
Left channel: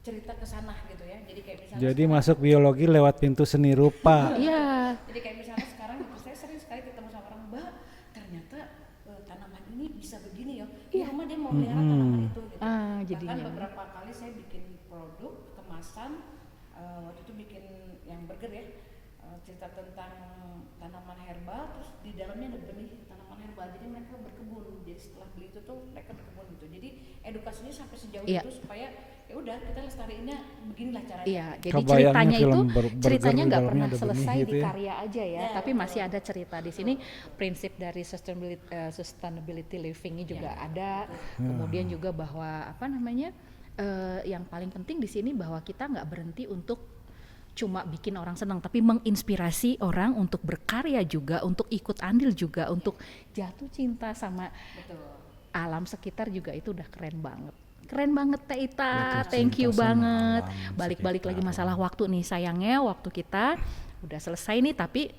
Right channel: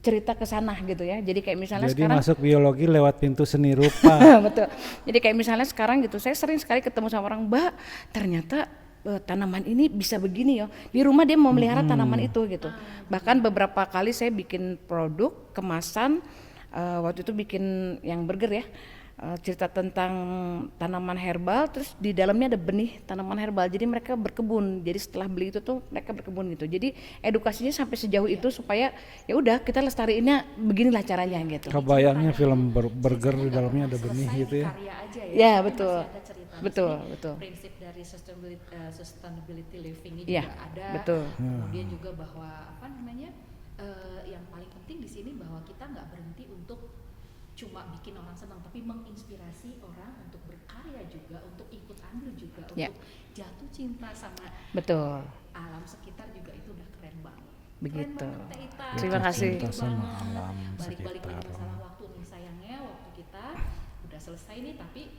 cerita ke sana gitu ya. Jadi kayak misalnya Jadi sekarang masuk biologi lewat pintu seni rupa. betul. Jadi kayak misalnya sekarang gitu, saya sering sekali ketemu sama orang, Mbak, ternyata tanaman ini bisa begini ya. Di rumah dia mau melihara tanaman itu gitu. Bahkan beberapa kali saya bikin produk kemasan, waktu itu bikin yang burger ya. Cerita tentang tanaman herbal, terus di dalamnya ada benih tanaman herbal. Jadi mereka berkebun. Jadi setelah beli itu tuh mereka berkebun gitu. Jadi edukasinya sampai sejauh itu supaya ya udah kita lestariinnya beginilah caranya gitu. Jadi Kebayangnya ceritanya film itu, burger ceritanya di nggak dalamnya pernah ada benih selesai gitu di ya. karya aja ya, Ya, tapi betul. masih ada cerita di Betul, sini. betul. Prinsip dari sustainability living-nya Ya, juga ada. betul. Kemudian juga bahwa apa namanya, yang paling penting di sini bahwa kita nggak berhenti untuk cuma bikin orang senang, tapi menginspirasi orang untuk berkarya juga, untuk ikut andil juga, untuk jatuh cinta sama Betul. alam sekitar juga. Itu udah keren banget. Begitu. Keren banget Teh Ita, Terima kasih. thank you Cinta sama banget. alam Balik-balik lagi sekitar. masalah waktu nih, sayangnya waktu kita udah selesai nih, tapi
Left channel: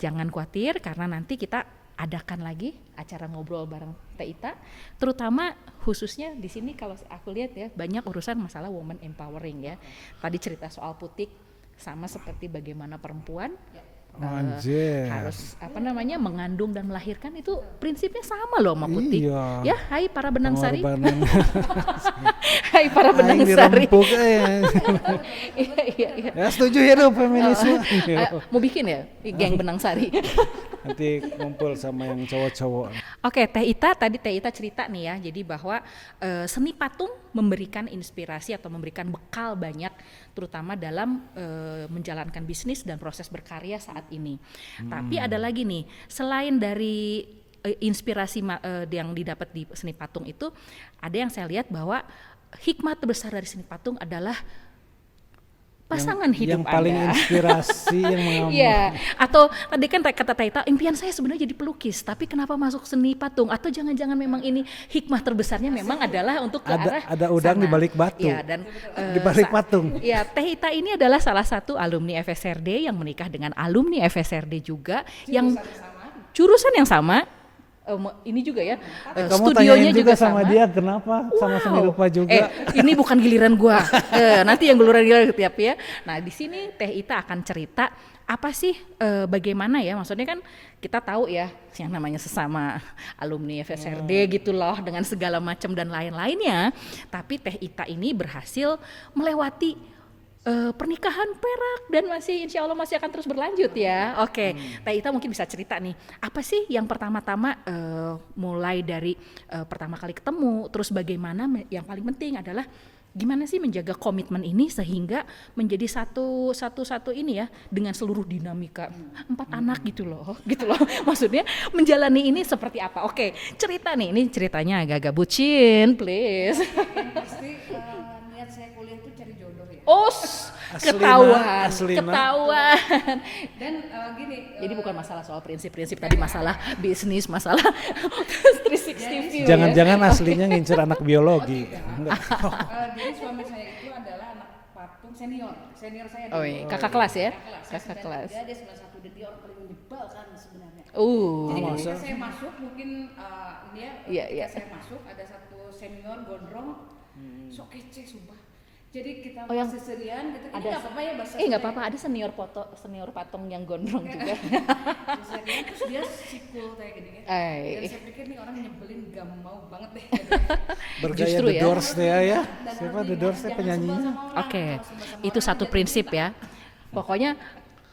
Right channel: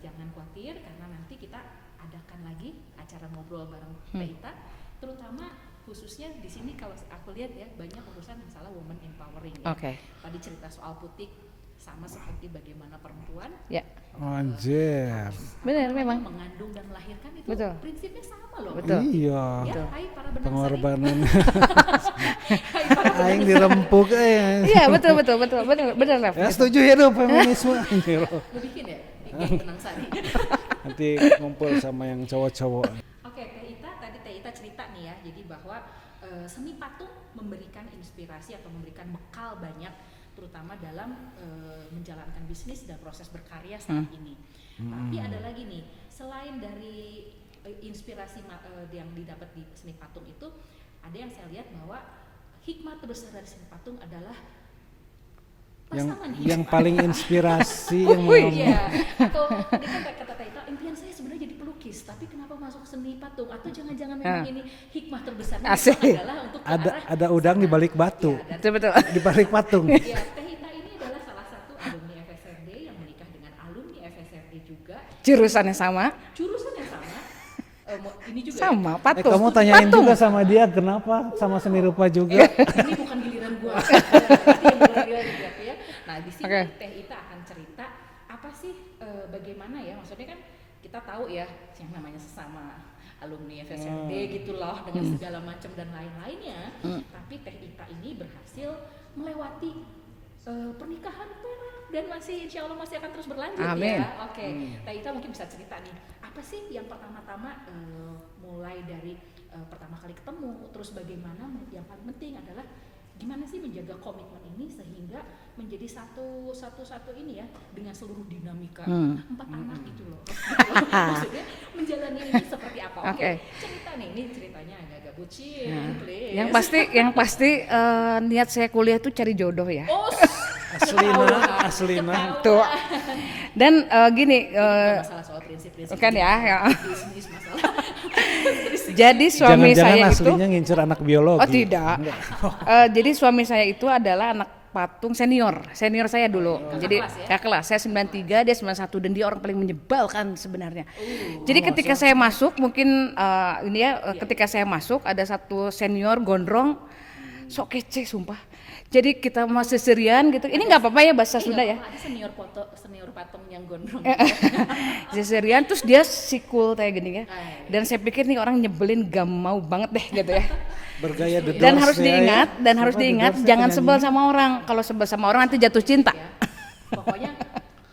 jangan khawatir karena nanti kita adakan lagi acara ngobrol bareng Teh Ita, terutama khususnya di sini kalau aku lihat ya banyak urusan masalah woman empowering ya. Oke. Tadi cerita soal putik sama seperti bagaimana perempuan Ya. Anjir. harus apa Benar, namanya memang. mengandung dan melahirkan, itu Betul. prinsipnya sama loh sama putik. Iya. Ya, hai para benang sari. Pengorbanan Hai para benang aing sari. dirempuk Iya, betul benar. Ref. Ya setuju ya dong feminisme. Mau bikin ya geng benang sari. Nanti ngumpul sama yang cowok-cowok. Oke, Teh Ita, tadi Teh Ita cerita nih ya, jadi bahwa seni patung memberikan inspirasi atau memberikan bekal banyak, terutama dalam menjalankan bisnis dan proses berkarya saat ini. Tapi ada lagi nih, selain dari inspirasi yang didapat di seni patung itu, ada yang saya lihat bahwa hikmah terbesar dari seni patung adalah pasangan hidup yang paling Anda. inspirasi yang Iya, atau tadi kan kata Taita, impian saya sebenarnya jadi pelukis, tapi kenapa masuk seni patung? Atau jangan-jangan memang ini hikmah terbesarnya Asik. memang adalah untuk ke arah ada udang sana. di balik batu. Iya, dan Betul. di balik patung. ya, Teh Ita ini adalah salah satu alumni FSRD yang menikah dengan alumni FSRD juga. Jurusannya sama. Jurusan yang sama. Ini juga Sama, ya. patung. Kamu Studionya tanyain juga juga sama dia kenapa sama seni rupa juga. Ini bukan giliran gua. Nanti yang giliran tiap ya. Nah, di sini Teh Ita akan cerita apa sih bagaimana ya, maksudnya kan kita tahu ya yang namanya sesama alumni FSRD gitu loh dengan segala macam dan lain-lainnya. Tapi Teh Ita ini berhasil melewati pernikahan perak dan masih insya Allah masih akan terus berlanjut. Amin. Ya. Oke, Teh Ita mungkin bisa cerita nih, apa sih yang pertama-tama mulai dari pertama kali ketemu, terus bagaimana yang paling penting adalah gimana sih menjaga komitmen ini sehingga menjadi satu ini ya dengan seluruh dinamika 4 anak gitu loh maksudnya menjalani ini seperti apa? Oke. Cerita nih, ini ceritanya agak-agak bucin, please. Yang pasti niat saya kuliah tuh cari jodoh ya. Oh, Aslina. Tuh. Dan gini, ini bukan masalah soal prinsip-prinsip, bukan ya, masalah bisnis, masalah. jadi suami Jangan-jangan saya aslinya ngincer anak biologi. Oh tidak. Jadi suami saya itu adalah anak patung senior saya dulu. Kakak Jadi, kelas ya? Kakak kelas, saya 93, dia 91 dan dia orang paling menyebalkan sebenarnya. Oh, Jadi ketika saya masuk mungkin ketika iya. saya masuk ada satu senior gondrong sok kece sumpah. Jadi kita masih serian gitu. Ini nggak apa-apa ya bahasa Sunda ya. ada senior patung yang gondrong. Serian terus dia sikul kayak gini ya. Dan saya pikir nih orang nyebelin gak mau banget deh gitu ya. Bergaya Justru The ya. Dan Doors harus ya, diingat ya. dan harus Siapa The diingat Doors ya jangan sebel penyanyinya? sama orang. Oke. Kalau sebel sama Itu orang nanti satu jatuh prinsip cinta. ya. Pokoknya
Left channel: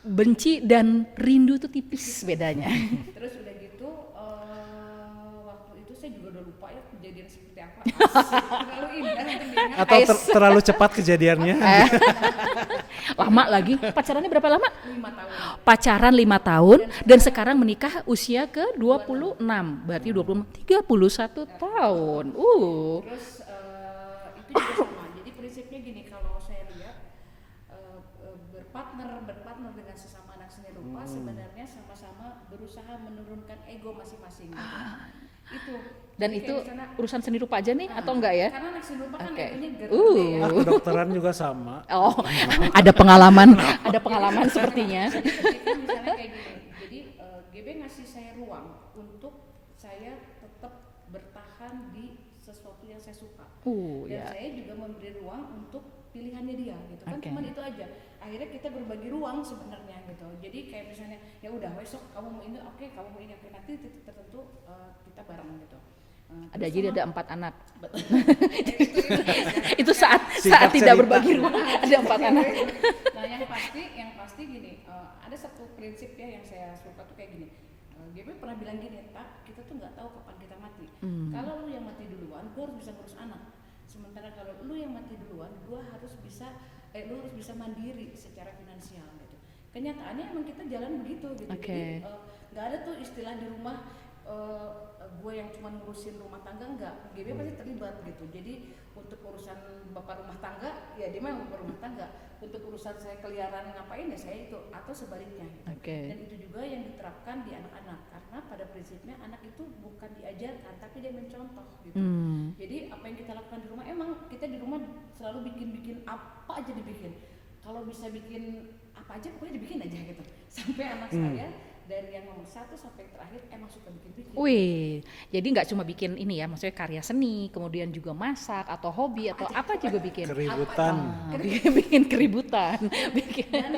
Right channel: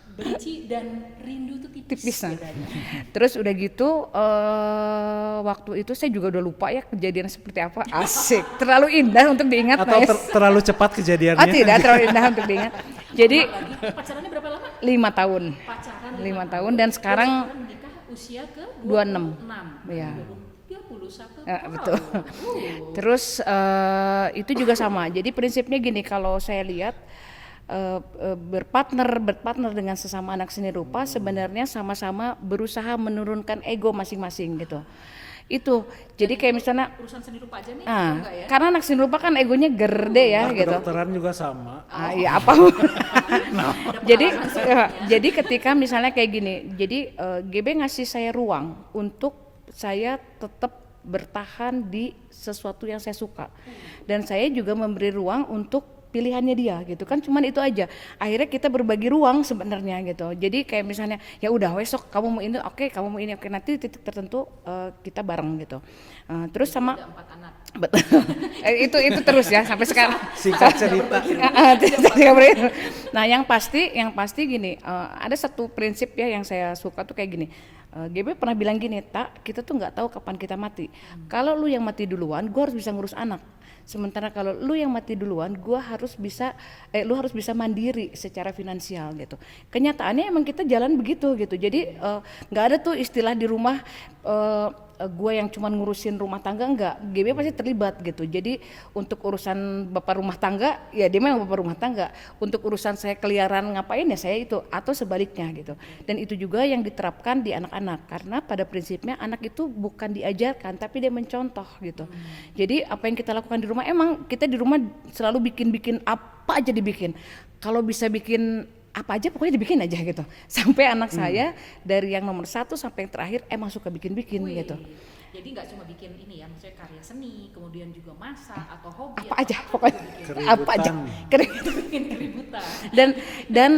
benci dan rindu tuh tipis Tipis. bedanya. Terus udah gitu waktu itu saya juga udah lupa ya kejadian seperti apa. Asik, terlalu indah untuk diingat. Atau guys. terlalu cepat Oh kejadiannya? tidak, terlalu indah untuk diingat. Jadi Lama lagi, pacarannya berapa lama? 5 tahun. Pacaran 5 5 tahun dan dan sekarang menikah usia ke 26. 26. Berarti Ya. 31 Ya, tahun. Terus itu juga sama. Jadi prinsipnya gini, kalau saya lihat berpartner dengan sesama anak seni rupa sebenarnya sama-sama berusaha menurunkan ego masing-masing gitu. Itu. Jadi kayak misalnya urusan seni rupa aja nih atau enggak ya? karena anak seni rupa kan egonya gede ya Anak gitu. kedokteran juga sama. Oh, iya, apa? Ada pengalaman. Jadi ketika misalnya kayak gini, jadi GB ngasih saya ruang untuk saya tetap bertahan di sesuatu yang saya suka. Dan saya juga memberi ruang untuk pilihannya dia gitu kan, cuman itu aja. Akhirnya kita berbagi ruang sebenarnya gitu. Jadi kayak misalnya ya udah besok kamu mau ini, oke, kamu mau ini, oke, nanti titik tertentu kita bareng gitu. Terus Jadi sama ada 4 anak. itu terus ya sampai sekarang. Singkat tidak cerita. berbagi ruang. Nah yang pasti gini, ada satu prinsip ya yang saya suka tuh kayak gini. GB pernah bilang gini, tak, kita tuh nggak tahu kapan kita mati. Kalau lu yang mati duluan, gua harus bisa ngurus anak. Sementara kalau lu yang mati duluan, lu harus bisa mandiri secara finansial gitu. Kenyataannya emang kita jalan begitu gitu. Jadi nggak ada tuh istilah di rumah gue yang cuma ngurusin rumah tangga, enggak. GB pasti terlibat gitu. Jadi untuk urusan bapak rumah tangga, ya dia memang bapak rumah tangga. Untuk urusan saya keliaran ngapain ya saya itu, atau sebaliknya gitu. Dan itu juga yang diterapkan di anak-anak, karena pada prinsipnya anak itu bukan diajarkan tapi dia mencontoh gitu. Jadi apa yang kita lakukan di rumah, emang kita di rumah selalu bikin apa aja dibikin. Kalau bisa bikin apa aja pokoknya dibikin aja gitu. Sampai anak saya dari yang nomor 1 sampai yang terakhir emang suka bikin-bikin gitu. Jadi nggak cuma bikin ini ya, maksudnya karya seni, kemudian juga masak atau hobi Apa atau aja, apa pokoknya. juga bikin. Apa aja. Bikin keributan.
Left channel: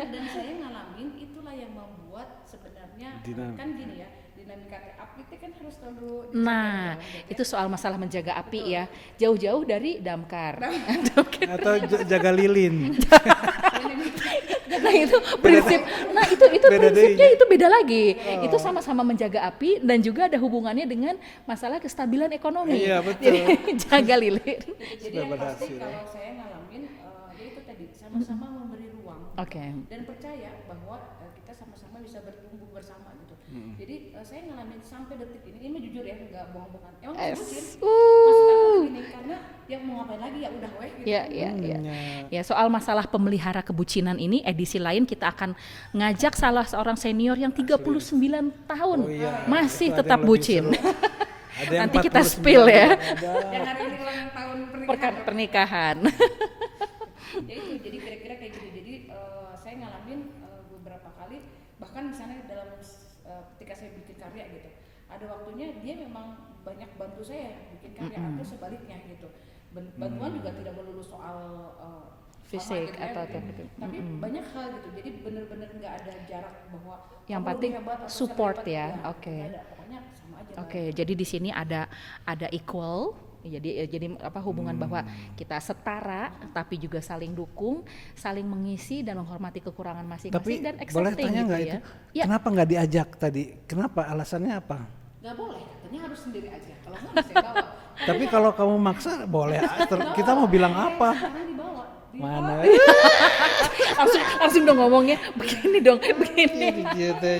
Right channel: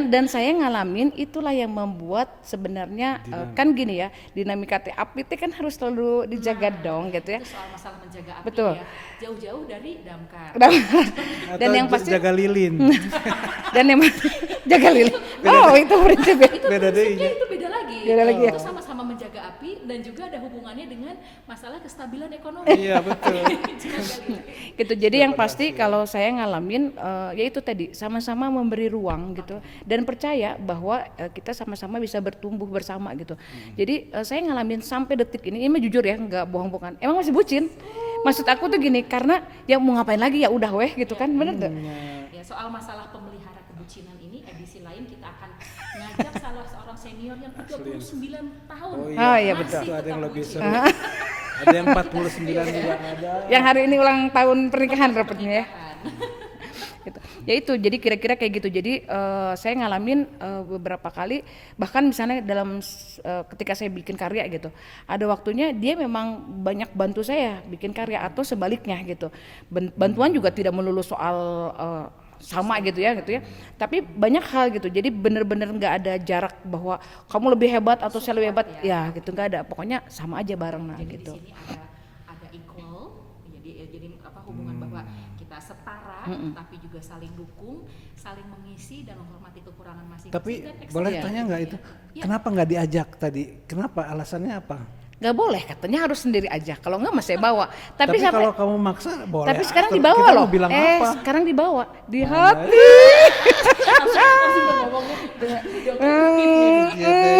Dan saya ngalamin itulah yang membuat sebenarnya kan gini ya, dinamika api itu kan harus selalu dijaga dong gitu ya. Itu soal masalah menjaga api. Betul. Ya. Jauh-jauh dari damkar. Atau yang pasti- jaga lilin. Dan yang jaga lilin. Wow, itu prinsipnya. Itu Beda prinsipnya deh. itu beda lagi. Beda lagi. Itu sama-sama menjaga api dan juga ada hubungannya dengan masalah kestabilan ekonomi. Iya, betul. Jaga lili. Gitu. Jadi yang Sudah pasti berhasil. kalau saya ngalamin ya itu tadi sama-sama memberi ruang gitu dan percaya bahwa kita sama-sama bisa bertumbuh bersama gitu. Jadi saya ngalamin sampai detik ini mah jujur ya, nggak bohong-bohongan. Emang masih bucin. Maksud aku tuh gini, karena ya mau ngapain lagi ya udah weh gitu Iya, kan. iya. Bener nggak? Ya, soal masalah pemelihara kebucinan ini edisi lain kita akan ngajak salah seorang senior yang 39 tahun Oh iya, masih betul. Ada tetap yang lebih bucin. seru. Ada yang Nanti kita 49 spill ya. juga ada. Yang hari ini ulang tahun pernikahan rupanya. Pernikahan. Gitu. Ya itu jadi kira-kira kayak gitu. Jadi saya ngalamin beberapa kali, bahkan misalnya dalam ketika saya bikin karya gitu, ada waktunya dia memang banyak bantu saya bikin karya atau sebaliknya gitu. Bantuan juga tidak melulu soal sama gitu ya, tapi banyak hal gitu. Jadi bener-bener nggak ada jarak bahwa kamu lebih hebat atau saya lebih support hebat ya. gitu, nggak ada. Pokoknya sama aja bareng. Oke, jadi di gitu. sini ada equal. Jadi apa hubungan bahwa kita setara tapi juga saling dukung, saling mengisi dan menghormati kekurangan masing-masing Tapi dan boleh accepting tanya gitu nggak ya. itu? Ya. Kenapa nggak diajak tadi? Kenapa? Alasannya apa? nggak boleh katanya, harus sendiri aja. Kalau nggak masih bawa. Tapi siapa- kalau kamu maksa boleh. tapi sekarang Terus dibawa kita loh. mau bilang apa? Sekarang dibawa di Mana? hati. Harus udah ngomongnya begini dong kan begini. Iya deh.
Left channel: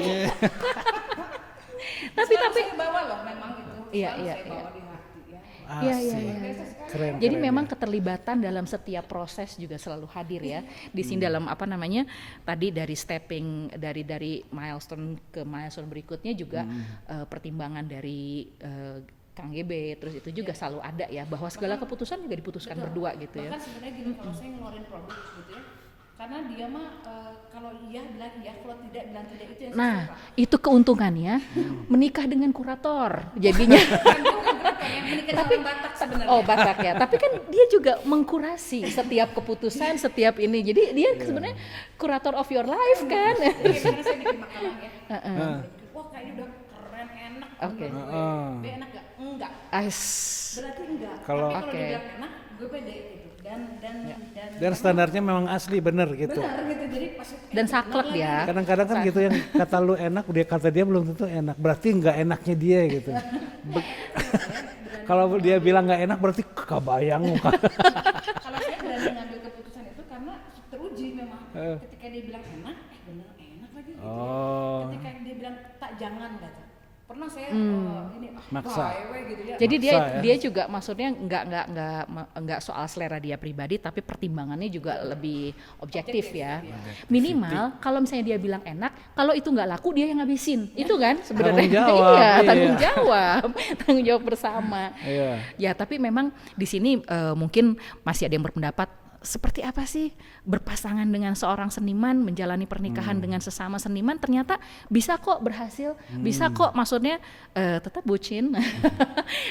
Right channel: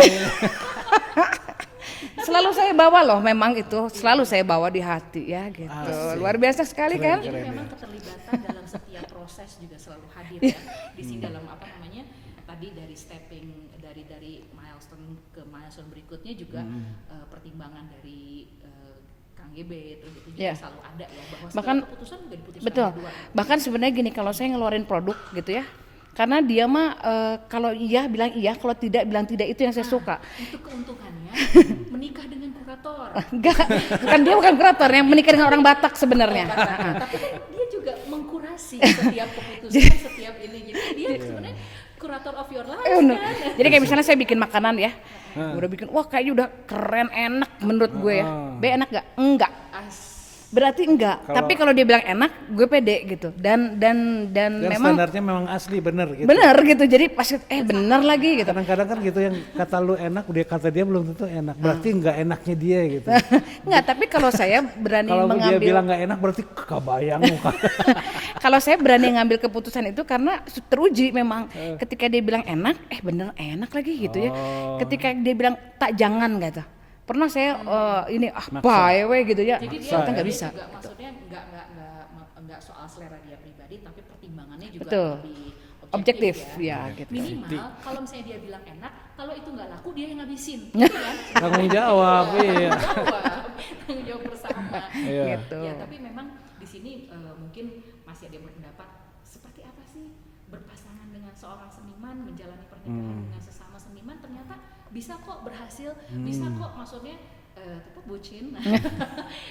Selalu saya bawa loh, memang itu selalu iya, saya bawa di hati ya gitu. Asik. Luar biasa sekali Keren. kan? Jadi memang keterlibatan dalam setiap proses juga selalu hadir ya. Di sini dalam apa namanya tadi dari stepping dari milestone ke milestone berikutnya juga pertimbangan dari Kang GB, terus itu juga Iya. selalu ada ya, bahwa segala Bahkan- keputusan juga diputuskan Betul. berdua gitu. Bahkan sebenarnya gini, kalau saya ngeluarin produk gitu ya, karena dia mah kalau iya bilang iya, kalau tidak bilang tidak, itu yang saya suka. Itu keuntungannya menikah dengan kurator. Kan dia bukan kurator, yang menikah dengan orang Batak sebenarnya. Ya. Tapi kan dia juga mengkurasi setiap keputusan, setiap ini. Jadi dia sebenarnya kurator of your life kan. Jadi kayak misalnya saya bikin makanan ya, udah bikin, wah kayaknya udah keren, enak menurut gue ya. B enak gak? Enggak. Berarti enggak. Tapi kalau dia bilang enak, gue pede gitu. Dan Dan memang standarnya memang asli bener gitu. bener gitu. Jadi pas Dan bener saklek lagi ya. gitu. Kadang-kadang kan gitu yang kata lu enak, dia kata dia belum tentu enak. Berarti nggak enaknya dia gitu. Enggak, tapi kalau saya berani Kalau dia mengambil, bilang nggak enak berarti kebayang muka. kalau saya berani ngambil keputusan itu karena teruji memang. Ketika dia bilang enak, bener enak lagi gitu ya. Oh. Ketika dia bilang tak jangan gitu. Pernah saya ini Maksa. bae we gitu ya. Jadi Maksa, ya. dia juga maksudnya enggak soal selera dia pribadi, tapi pertimbangannya juga Betul. lebih objektif ya. ya. Minimal kalau misalnya dia bilang enak, kalau itu nggak laku dia yang ngabisin, gitu kan? sebenarnya. Tanggung jawab, Iya, iya. tanggung jawab, tanggung jawab bersama. Iya. Gitu. Ya tapi memang di sini mungkin masih ada yang berpendapat seperti apa sih berpasangan dengan seorang seniman, menjalani pernikahan dengan sesama seniman, ternyata bisa kok berhasil, bisa kok maksudnya tetap bucin.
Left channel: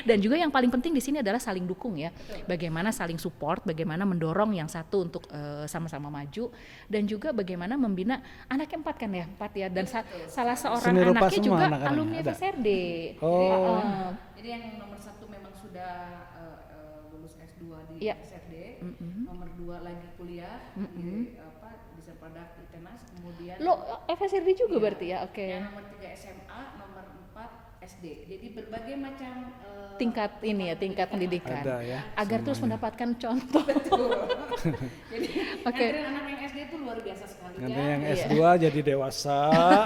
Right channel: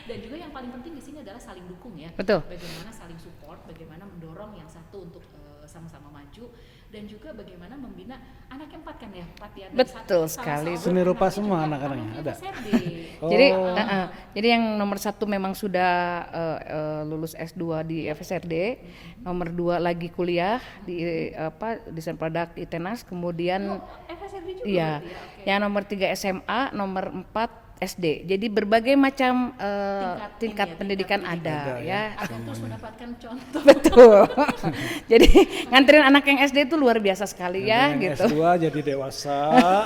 Dan juga yang paling penting di sini adalah saling dukung ya. Betul. Bagaimana saling support, bagaimana mendorong yang satu untuk sama-sama maju, dan juga bagaimana membina anaknya 4 kan ya, 4 ya. Dan Betul salah sekali. seorang Seni rupa anaknya semua juga anak-anaknya, alumni ada? FSRD. Oh. Jadi yang nomor 1 memang sudah lulus S2 di FSRD, nomor 2 lagi kuliah di desain produk ITENAS, kemudian Lo FSRD juga iya, berarti ya, oke. yang nomor 3 SMA, nomor 4 SD. Jadi berbagai macam Tingkat ini tingkat ya, pendidikan tingkat ada, pendidikan. Ada, ya. Agar terus mendapatkan contoh. Betul. Jadi nganterin anak yang SD itu luar biasa sekali ya Nganter yang gitu. S2 jadi dewasa,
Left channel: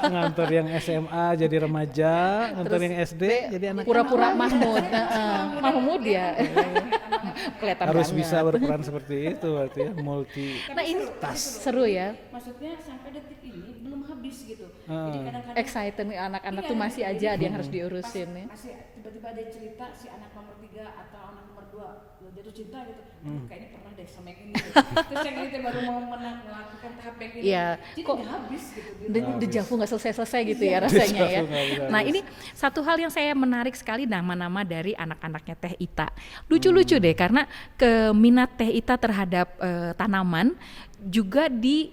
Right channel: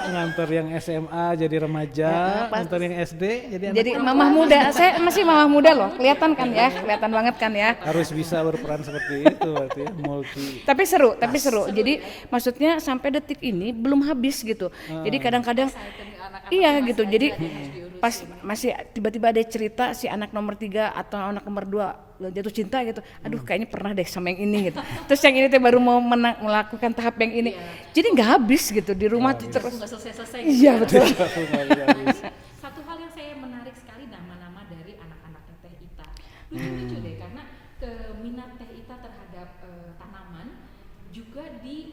nganter yang SMA jadi remaja, nganter yang SD jadi anak Jadi mama muda, saya masih mama muda loh, kelihatan kan ya, kelihatan banget kan ya. harus bisa berperan seperti itu berarti ya, multi. Tapi seru, Seru Jadi ya. maksudnya sampai detik ini belum habis gitu. Jadi kadang-kadang Excited nih anak-anak iya tuh masih gitu. aja Jadi ada yang harus diurusin pas nih. masih tiba-tiba ada cerita si anak nomor 3 atau anak nomor 2 jatuh cinta gitu. Aduh kayaknya pernah deh sama yang ini gitu. Terus yang ini teh baru mau melakukan tahap yang ini. Iya. Jadi nggak habis gitu di rumah tuh. Aku nggak selesai-selesai gitu Iya, ya rasanya betul. ya. Nggak bisa Nah habis. ini satu hal yang saya menarik sekali, nama-nama dari anak-anaknya Teh Ita. Lucu-lucu deh karena keminat Teh Ita terhadap tanaman juga di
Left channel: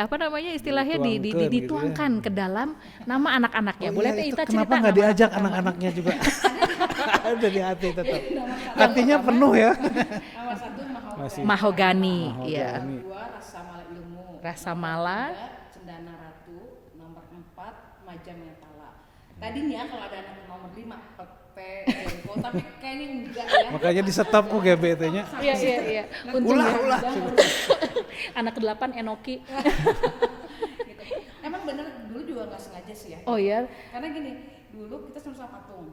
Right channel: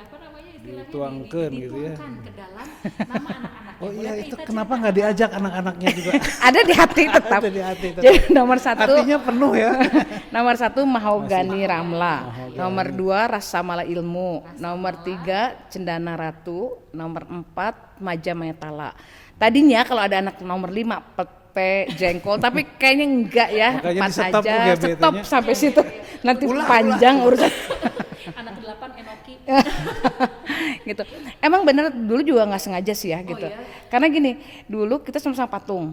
apa namanya istilahnya Dituangkan gitu ya. dituangkan ke dalam nama anak-anaknya. Oh Boleh iya Teh itu Ita kenapa cerita nggak diajak anak-anaknya juga? Ada di hati tetap. Ada di hati tetap. Jadi nomor 1 Hatinya penuh ya. nomor 1 mahogani Mahogani, ramla. iya. Nomor 2 rasa mala ilmu. Rasa Nomor Mala. 3 cendana ratu. Nomor 4 maja metala. Tadinya kalau ada anak nomor 5 pete jengkol, tapi kayaknya enggak ya. Makanya 4 di-stop aja. ya BT-nya. Stop sampai Iya, situ. iya. Nanti Ulah, panjang urusan Anak ke-8 Enoki. gitu. Emang bener dulu juga nggak sengaja sih ya Oh gitu. iya? Karena gini, dulu kita sama-sama patung.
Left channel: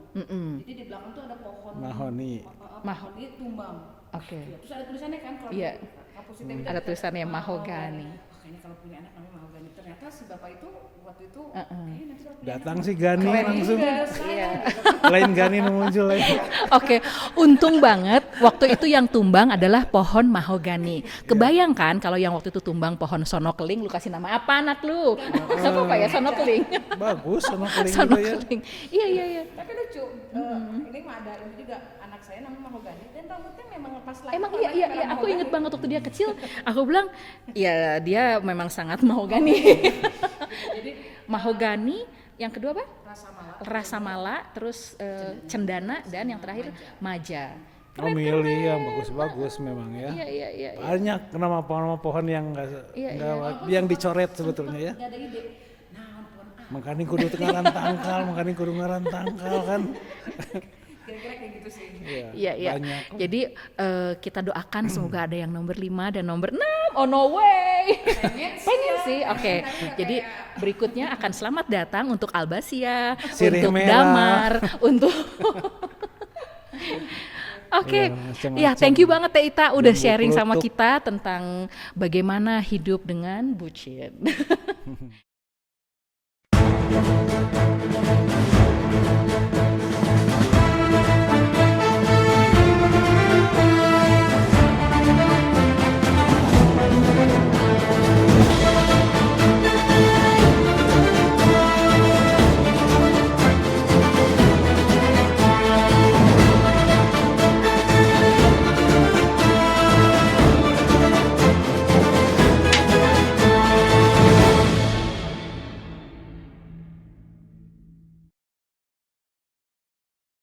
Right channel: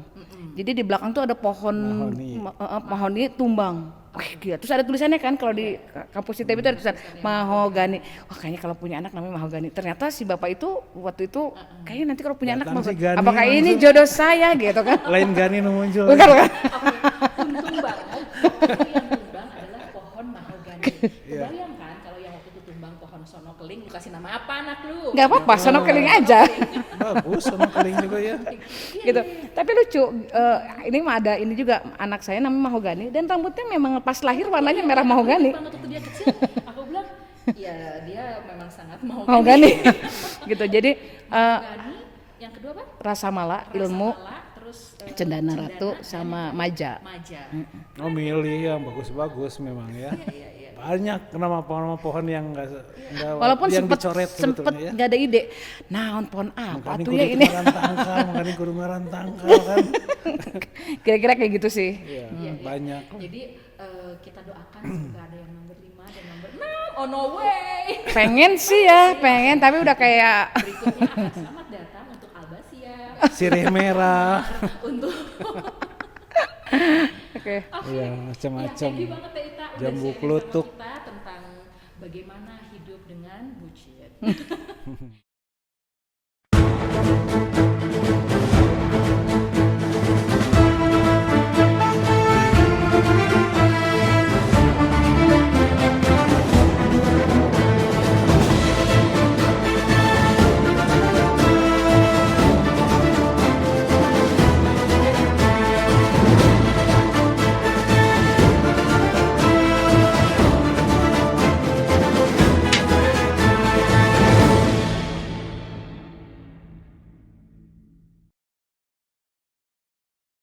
Jadi di belakang tuh ada pohon Mahoni. mahoni tumbang. Gitu. Terus ada tulisannya kan kalau di kampus ITB itu ada Ada tulisan tulisannya mahogani. Wah kayaknya kalau punya anak namanya mahogani. Ternyata si bapak itu waktu itu kayaknya nanti kalau punya Datang anak si Gani apakah ini langsung. jodoh saya gitu kan. Lain Gani muncul. Oke, untung banget waktu itu yang tumbang adalah pohon mahogani. Kebayangkan kalau yang waktu itu tumbang pohon sonokeling, lu kasih nama apa anak lu? Nggak apa-apa, sono kering aja. Bagus sama keling juga ya. Iya, Gitu. iya. Tapi lucu, ini mah ada ini juga anak saya namanya mahogani dan rambutnya memang pas lahir warnanya merah Aku mahogani. ingat banget waktu dia kecil, aku bilang, ya dia memang sangat Mahogani. mahogani. gitu. Jadi Mahogani, Yang kedua apa? Rasa Mala, Rasa Ilmu, Mala, terus Cendana Ratu, dan sama yang terakhir, Maja. Maja. Oh milih yang bagus-bagus memang ya. Iya. Banyak nama pohon yang nggak Walaupun yang sempet dicoret sebetulnya ya. nggak ada ide. Naon pohon apa Makanya tuh kudu ya ini? ngaran tangkal, makanya kudu ngaran tangkal kan. Kira-kira kayak gitu sih. Iya, banyak. Jadi kita doakan semoga ada yang nomor 5 dan nomor 6. Oh no way. Pengen sih ya, pengen Oke. tapi udah Jadi, kayak berikutnya akan selamat datang untuk Albasia, Sirih untuk merah. Damar, untuk Oke. Oke, Iya, macam-macam. ya thank you banget Teh Ita udah Jambu sharing sama kelutuk. kita tentang bagaimana hidup dengan bucin.